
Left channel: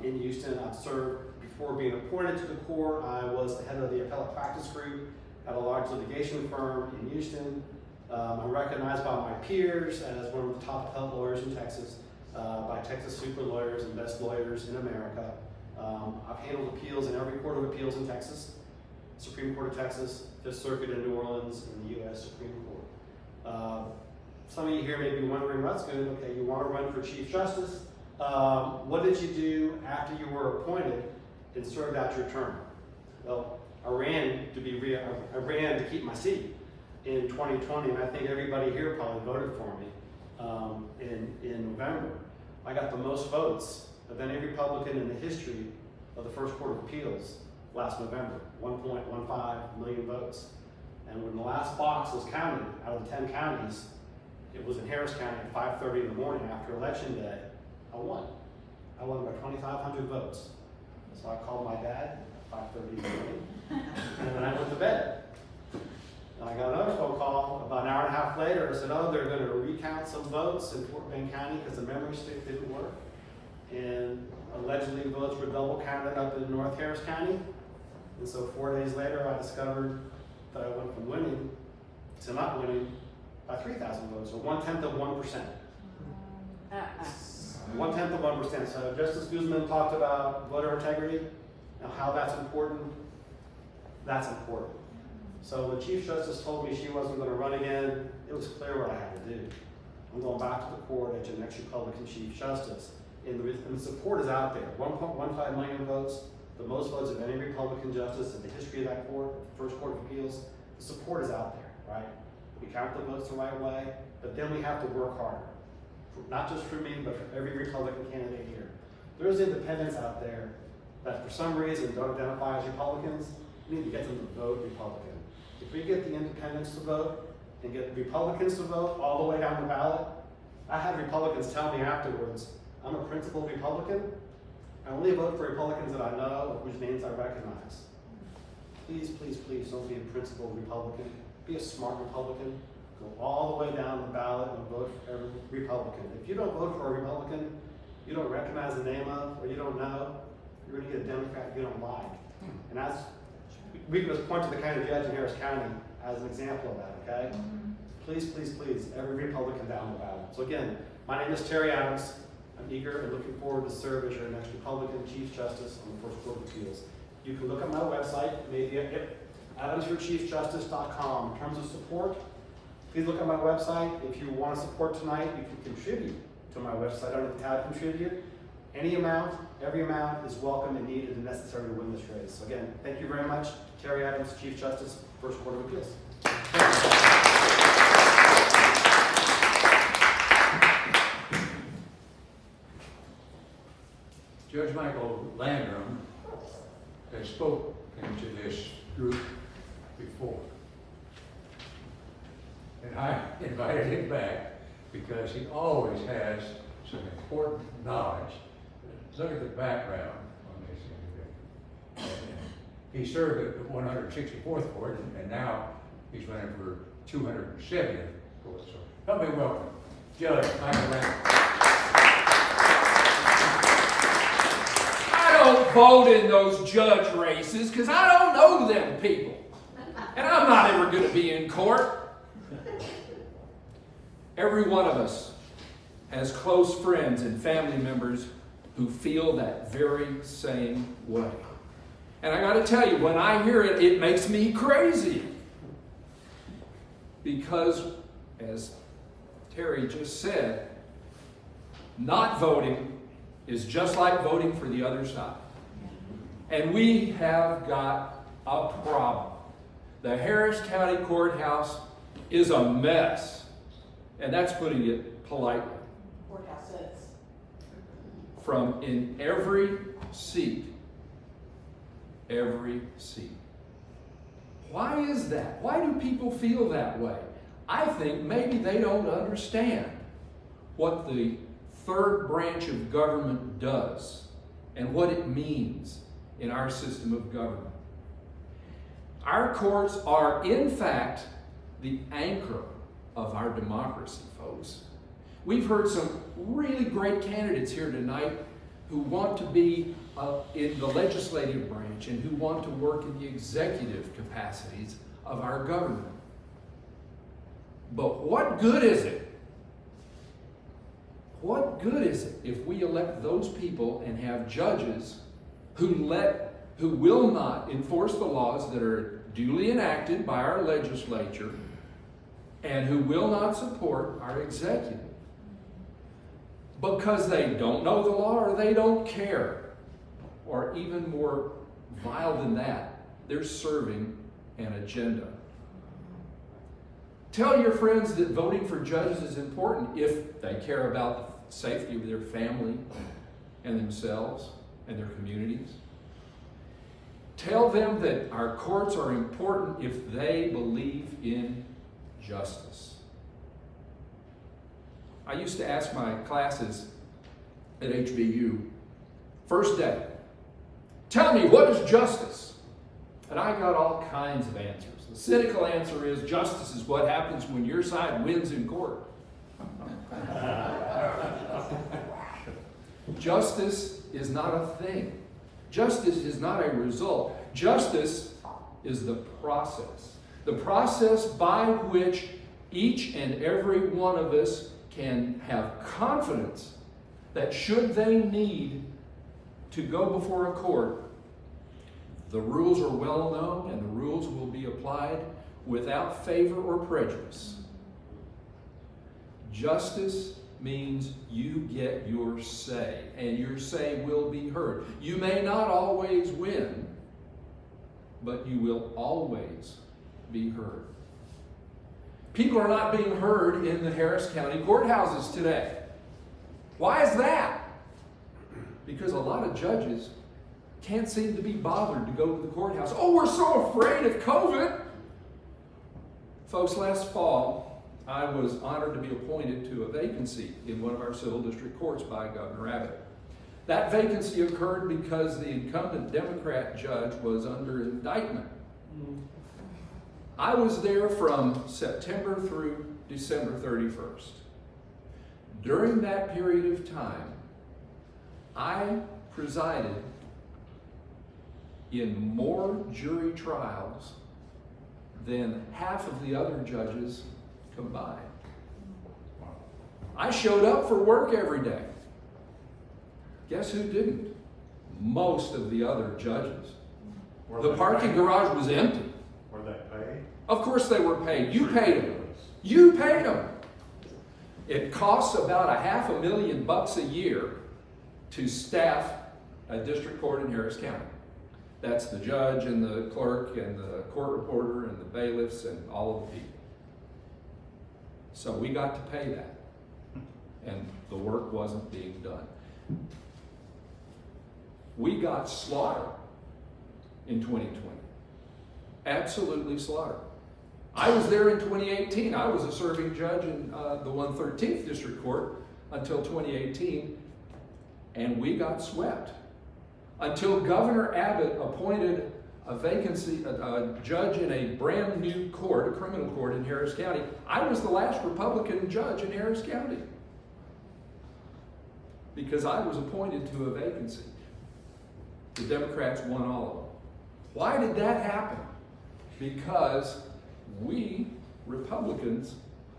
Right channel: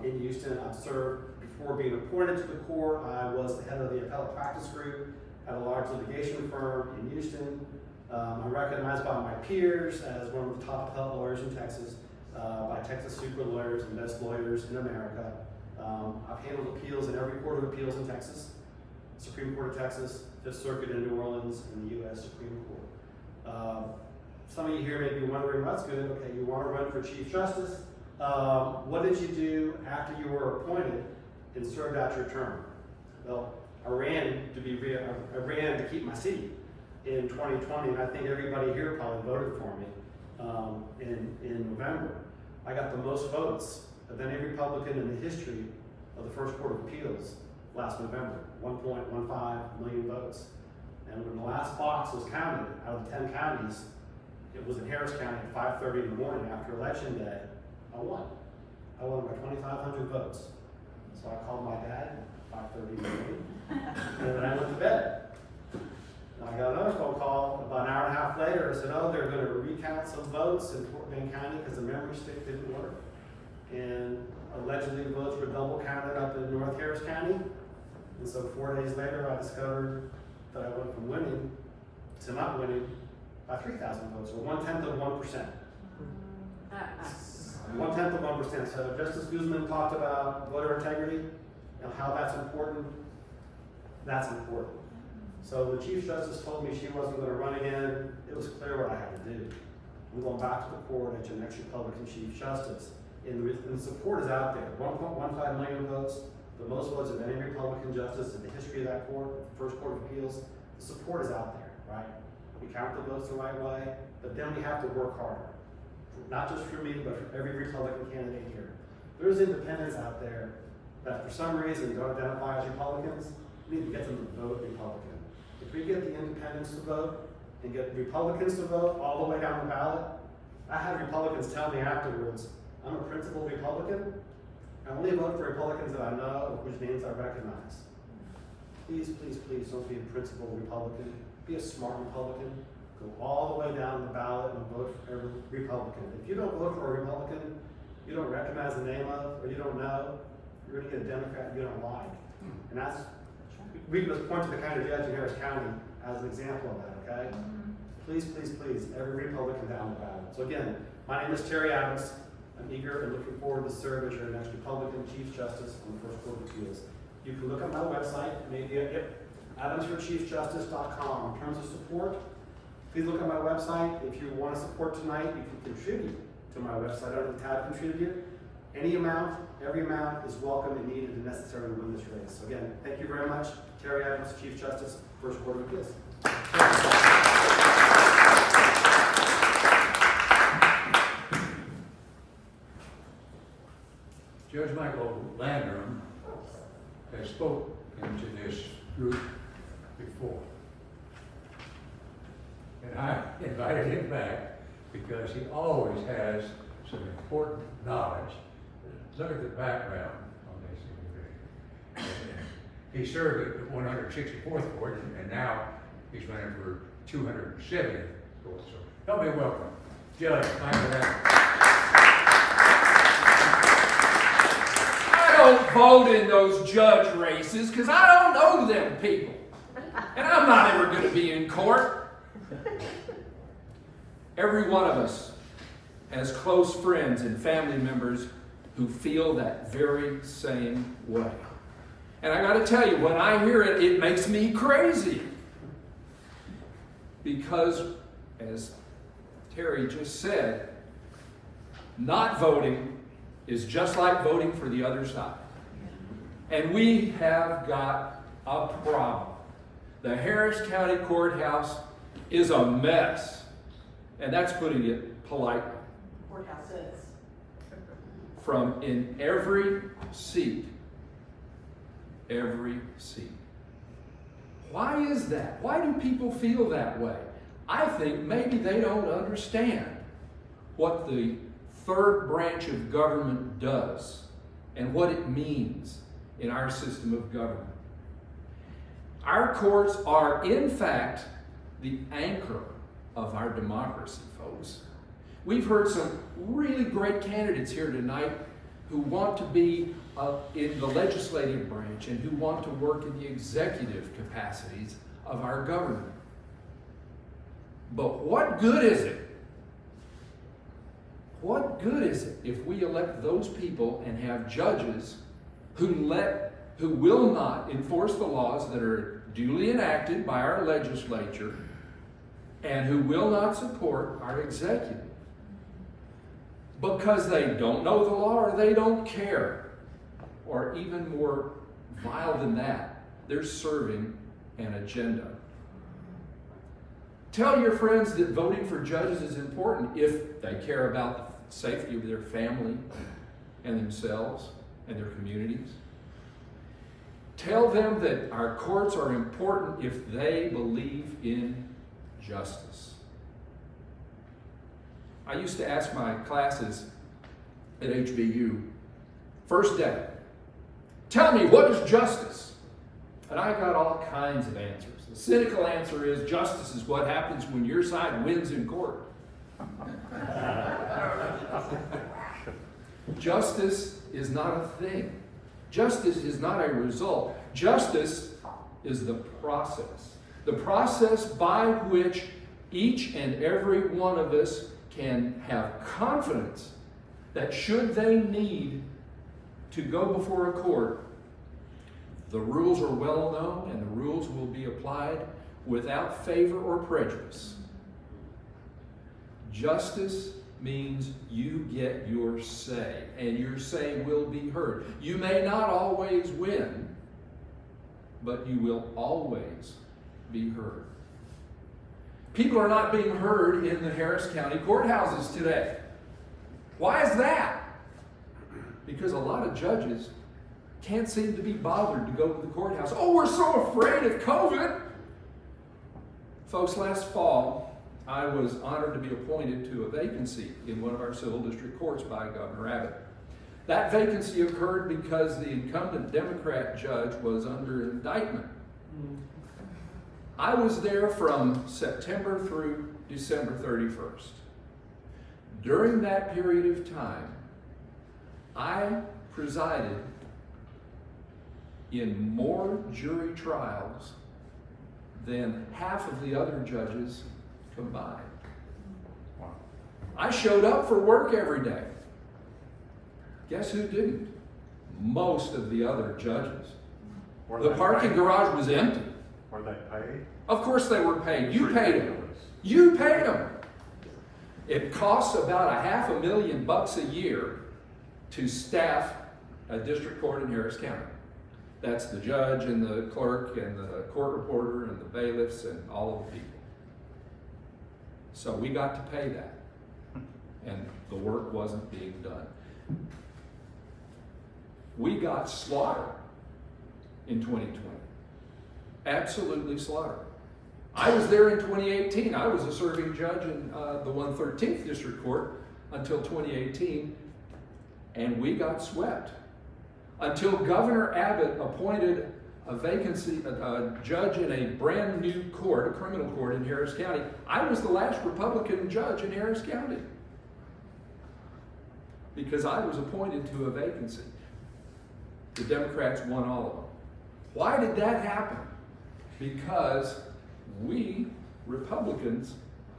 in Houston. I've served, before being appointed to the court, I was the head of the appellate practice group at a large litigation firm in Houston. I'm recognized by my peers as one of the top appellate lawyers in Texas, by Texas Super Lawyers and Best Lawyers in America. I've handled appeals in every court of appeals in Texas, Supreme Court of Texas, Fifth Circuit in New Orleans, and the U.S. Supreme Court. Some of you here may be wondering, well, that's good, okay, you want to run for Chief Justice. What did you do after you were appointed and served out your term? Well, I ran to keep my seat in 2020, and I think everybody here probably voted for me in November. I got the most votes of any Republican in the history of the First Court of Appeals last November, 1.15 million votes. And when the last box was counted out of the 10 counties, it was in Harris County at 5:30 in the morning after Election Day. I won. I won by 2,500 votes. So I called my dad at 5:30 in the morning, and then I went to bed. And I got another phone call about an hour and a half later. I said, oh, they're going to recount some votes in Fort Bend County because the memory stick didn't work. And allegedly votes were double counted up in North Harris County. And so 4 days later, I discovered that I went from winning to not winning by 3,000 votes, or 1/10 of 1%. 1/10 of 1%. So Justice Guzman talked about voter integrity and how that's important. That's important. So the Chief Justice told me she wasn't going to run again. It was clear what I had to do. I'm going back to the court as your next Republican Chief Justice. And the support is out there. 1.15 million votes, the most votes of any Republican justice in the history of that court, First Court of Appeals. The support is out there, right? We count the votes the right way, but then we have to work harder. Not just for me, but for every Republican candidate here. There's independents out there that for some reason don't identify as Republicans. We need to get them to vote Republican. If we get the independents to vote and get Republicans to vote all the way down the ballot, I had Republicans tell me afterwards, I'm a principled Republican. I only vote for Republicans that I know, whose names I recognize. Please, please, please don't be a principled Republican. Be a smart Republican. Go all the way down the ballot and vote for every Republican. If you don't vote for a Republican you don't recognize the name of, or you don't know, you're gonna get a Democrat you don't like. And that's, we can just point to the county judge in Harris County as an example of that, okay? Please, please, please, every Republican down the ballot. So again, my name is Terry Adams. I'm eager and looking forward to serve as your next Republican Chief Justice on the First Court of Appeals. You can look at my website, maybe at AdamsForChiefJustice.com. In terms of support, please look at my website. If you want to support tonight, you can contribute to my website under the tab Contribute. Any amount, every amount is welcome and needed and necessary to win this race. So again, thank you very much. Terry Adams, Chief Justice, First Court of Appeals. Judge Michael Landrum has spoken to this group before. And I invited him back because he always has some important knowledge. Look at the background on this individual. He served at the 164th Court, and now he's running for 270th course. So help me welcome Jillian. Thank you, man. I don't vote in those judge races because I don't know them people. And I'm not ever going to be in court. Every one of us has close friends and family members who feel that very same way. And I got to tell you, when I hear it, it makes me crazy. Because, as Terry just said, not voting is just like voting for the other side. And we have got a problem. The Harris County Courthouse is a mess. And that's putting it politely. Courthouse is. From in every seat. Every seat. Why is that? Why do people feel that way? I think maybe they don't understand what the third branch of government does and what it means in our system of government. Our courts are, in fact, the anchor of our democracy, folks. We've heard some really great candidates here tonight who want to be in the legislative branch and who want to work in the executive capacities of our government. But what good is it? What good is it if we elect those people and have judges who will not enforce the laws that are duly enacted by our legislature and who will not support our executive? Because they don't know the law or they don't care. Or even more vile than that, they're serving an agenda. Tell your friends that voting for judges is important if they care about the safety of their family and themselves and their communities. Tell them that our courts are important if they believe in justice. I used to ask my classes at HBU, first day, tell me, what is justice? And I got all kinds of answers. The cynical answer is, justice is what happens when your side wins in court. Justice is not a thing. Justice is not a result. Justice is the process. The process by which each and every one of us can have confidence that should they need to go before a court, the rules are well known and the rules will be applied without favor or prejudice. Justice means you get your say, and your say will be heard. You may not always win, but you will always be heard. People are not being heard in the Harris County courthouses today. Why is that? Because a lot of judges can't seem to be bothered to go to the courthouse. Oh, we're so afraid of COVID. Folks, last fall, I was honored to be appointed to a vacancy in one of our civil district courts by Governor Abbott. That vacancy occurred because the incumbent Democrat judge was under indictment. I was there from September through December 31st. During that period of time, I presided in more jury trials than half of the other judges combined. I showed up for work every day. Guess who didn't? Most of the other judges. The parking garage was empty. Were they paid? Of course they were paid. You paid them. You paid them. It costs about $500,000 a year to staff a district court in Harris County. That's the judge and the clerk and the court reporter and the bailiffs and all of the people. So we got to pay that. And the work wasn't being done. We got slaughtered in 2020. Absolutely slaughtered. I was there in 2018. I was a serving judge in the 113th District Court until 2018, and we got swept. Until Governor Abbott appointed a vacancy, a judge in a brand new court, a criminal court in Harris County. I was the last Republican judge in Harris County because I was appointed to a vacancy. The Democrats won all of them. Why did that happen? Because we Republicans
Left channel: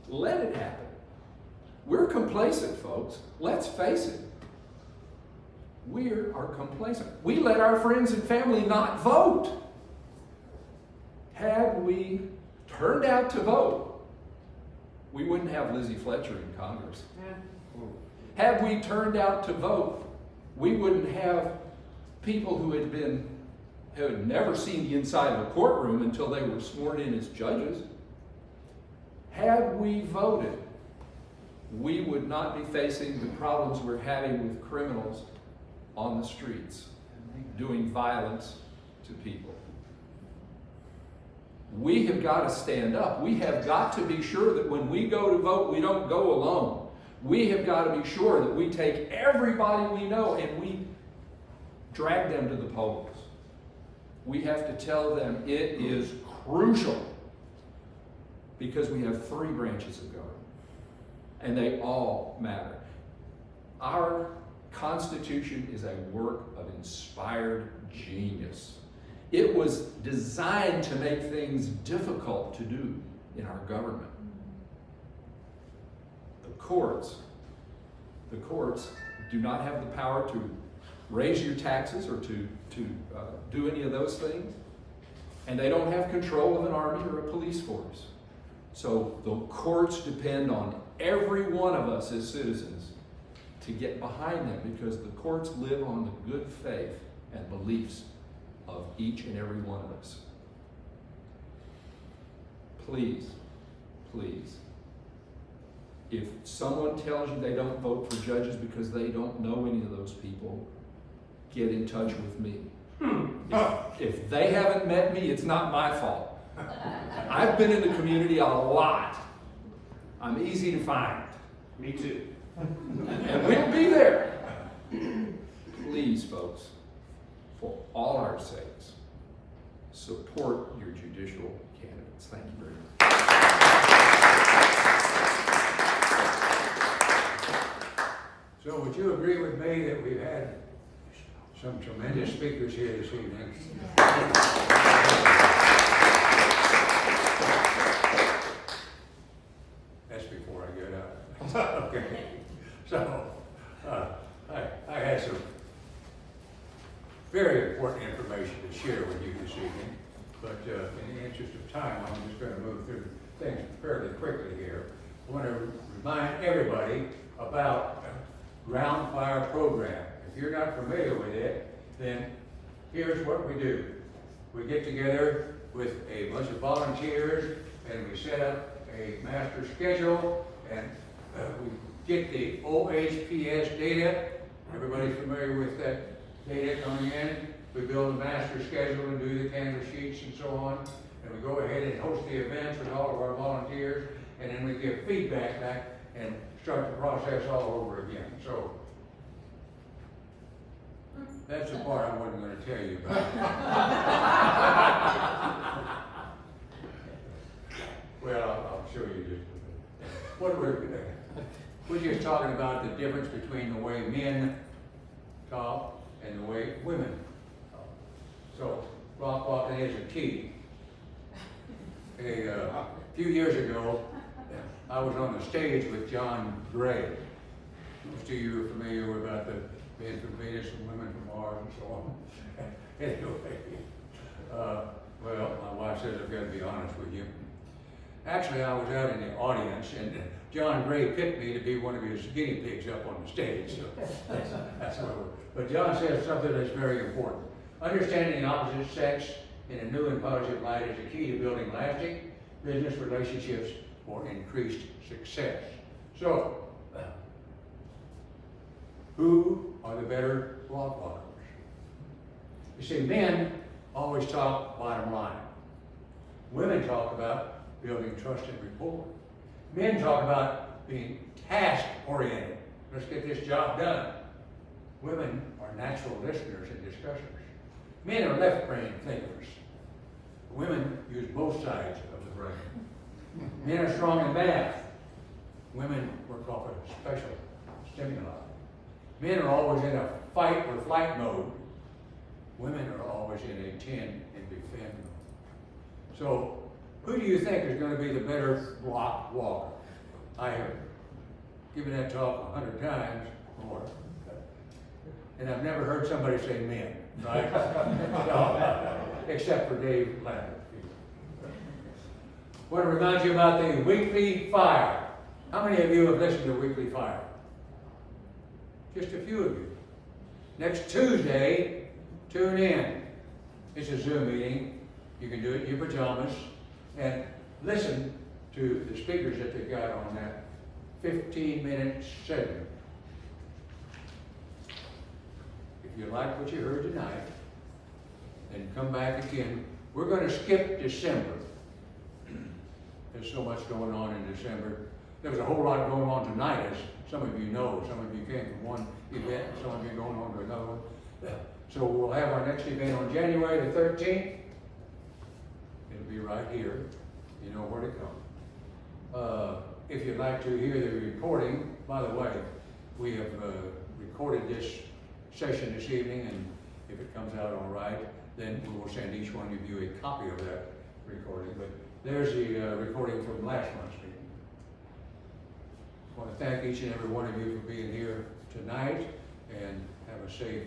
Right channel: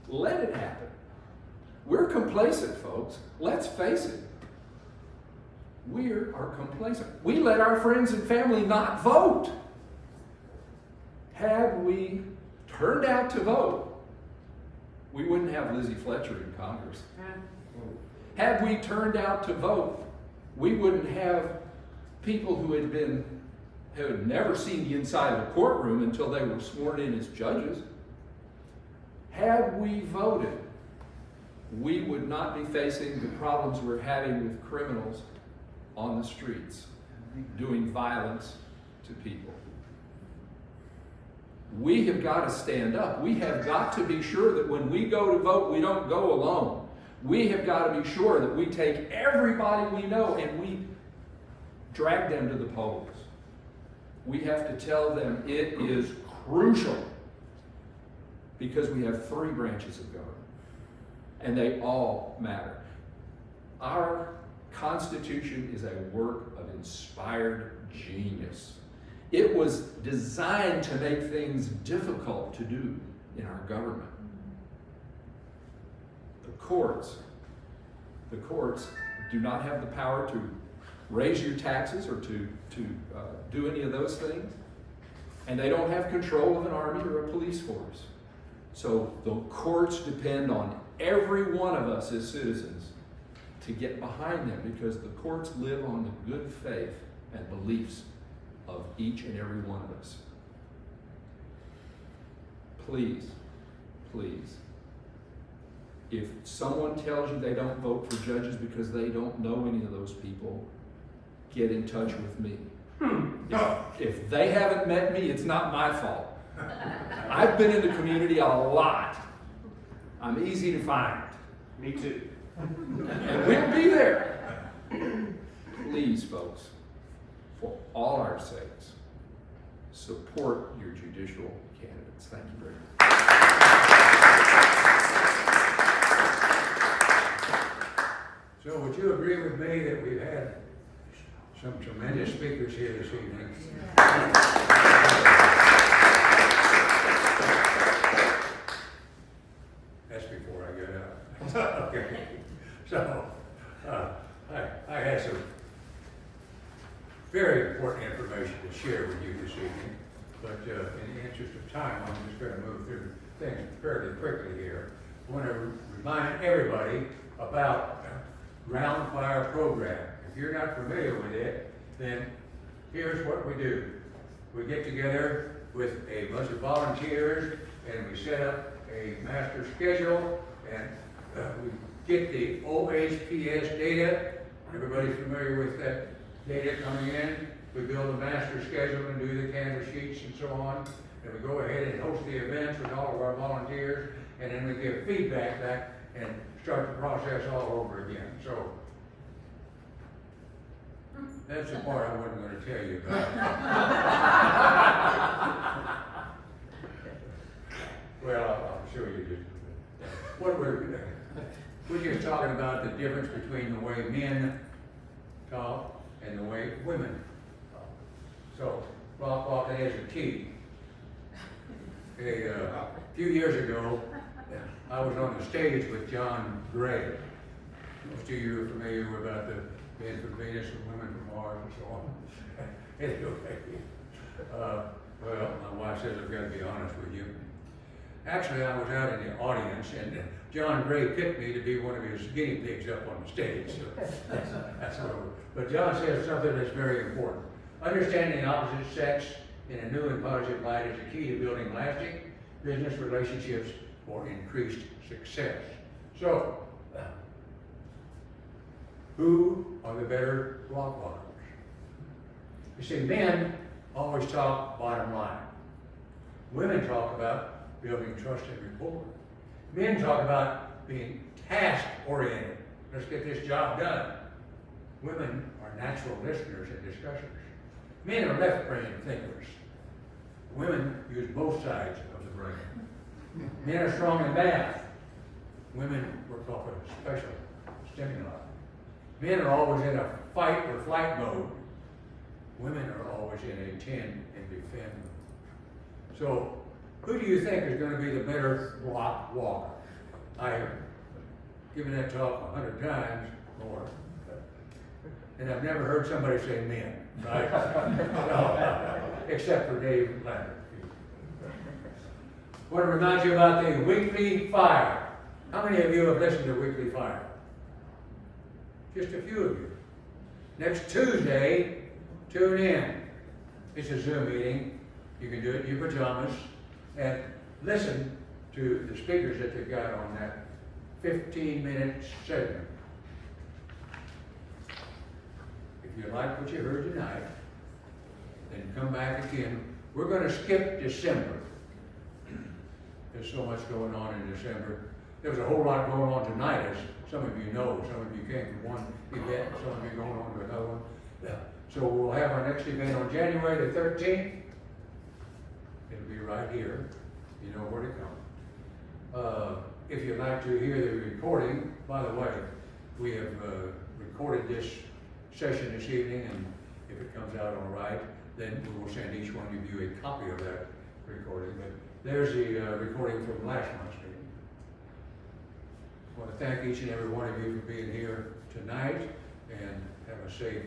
let it happen. We're complacent, folks. Let's face it. We are complacent. We let our friends and family not vote. Had we turned out to vote, we wouldn't have Lizzie Fletcher in Congress. Had we turned out to vote, we wouldn't have people who had never seen the inside of a courtroom until they were sworn in as judges. Had we voted, we would not be facing the problems we're having with criminals on the streets, doing violence to people. We have got to stand up. We have got to be sure that when we go to vote, we don't go alone. We have got to be sure that we take everybody we know and we drag them to the polls. We have to tell them it is crucial because we have 3 branches of government and they all matter. Our Constitution is a work of inspired genius. It was designed to make things difficult to do in our government. The courts do not have the power to raise your taxes or to do any of those things. And they don't have control of an army or a police force. So the courts depend on every one of us as citizens to get behind them because the courts live on the good faith and beliefs of each and every one of us. Please, please, if someone tells you they don't vote for judges because they don't know any of those people, get in touch with me. If they haven't met me, it's not my fault. I've been in the community a lot. I'm easy to find. Me too. And we'll be there. Please, folks, for all our sakes, support your judicial candidates. Thank you very much. So would you agree with me that we've had some tremendous speakers here this evening? That's before I get out. Okay. So, I had some very important information to share with you this evening, but in the interest of time, I'm just going to move through things fairly quickly here. I want to remind everybody about Round Fire program. If you're not familiar with it, then here's what we do. We get together with a bunch of volunteers and we set up a master schedule and we get the OHPS data. Everybody's familiar with that data coming in. We build a master schedule and do the canvas sheets and so on. And we go ahead and host the events with all of our volunteers. And then we give feedback back and start the process all over again. So that's the part I wasn't going to tell you about. Well, I'll show you just what we're just talking about the difference between the way men talk and the way women talk. So rock walking is a key. A few years ago, I was on the stage with John Gray. Most of you are familiar about the men from Venus and women from Mars and so on. Anyway, well, my wife says I've got to be honest with you. Actually, I was out in the audience, and John Gray picked me to be one of his guinea pigs up on the stage. So that's what. But John says something that's very important. Understanding the opposite sex in a new and positive light is the key to building lasting business relationships for increased success. So, who are the better block walkers? You see, men always talk bottom line. Women talk about building trust and rapport. Men talk about being task-oriented. Let's get this job done. Women are natural listeners in discussions. Men are left brain thinkers. Women use both sides of the brain. Men are strong in math. Women work off of special stimuli. Men are always in a fight or flight mode. Women are always in a tend and defend. So, who do you think is going to be the better block walker? I have given that talk 100 times more, and I've never heard somebody say men, right? No, except for Dave Lander. I want to remind you about the weekly fire. How many of you have listened to Weekly Fire? Just a few of you. Next Tuesday, tune in. It's a Zoom meeting. You can do it in your pajamas and listen to the speakers that they've got on that 15-minute segment. If you like what you heard tonight, then come back again. We're going to skip December. There's so much going on in December. There was a whole lot going on tonight, as some of you know. Some of you came from one event, some of you going on to another one. So we'll have our next event on January the 13th. It'll be right here. You know where to come. If you'd like to hear the recording, by the way, we have recorded this session this evening, and if it comes out all right, then we will send each one of you a copy of that recording. But there's the recording from last month's meeting. I want to thank each and every one of you for being here tonight, and have a safe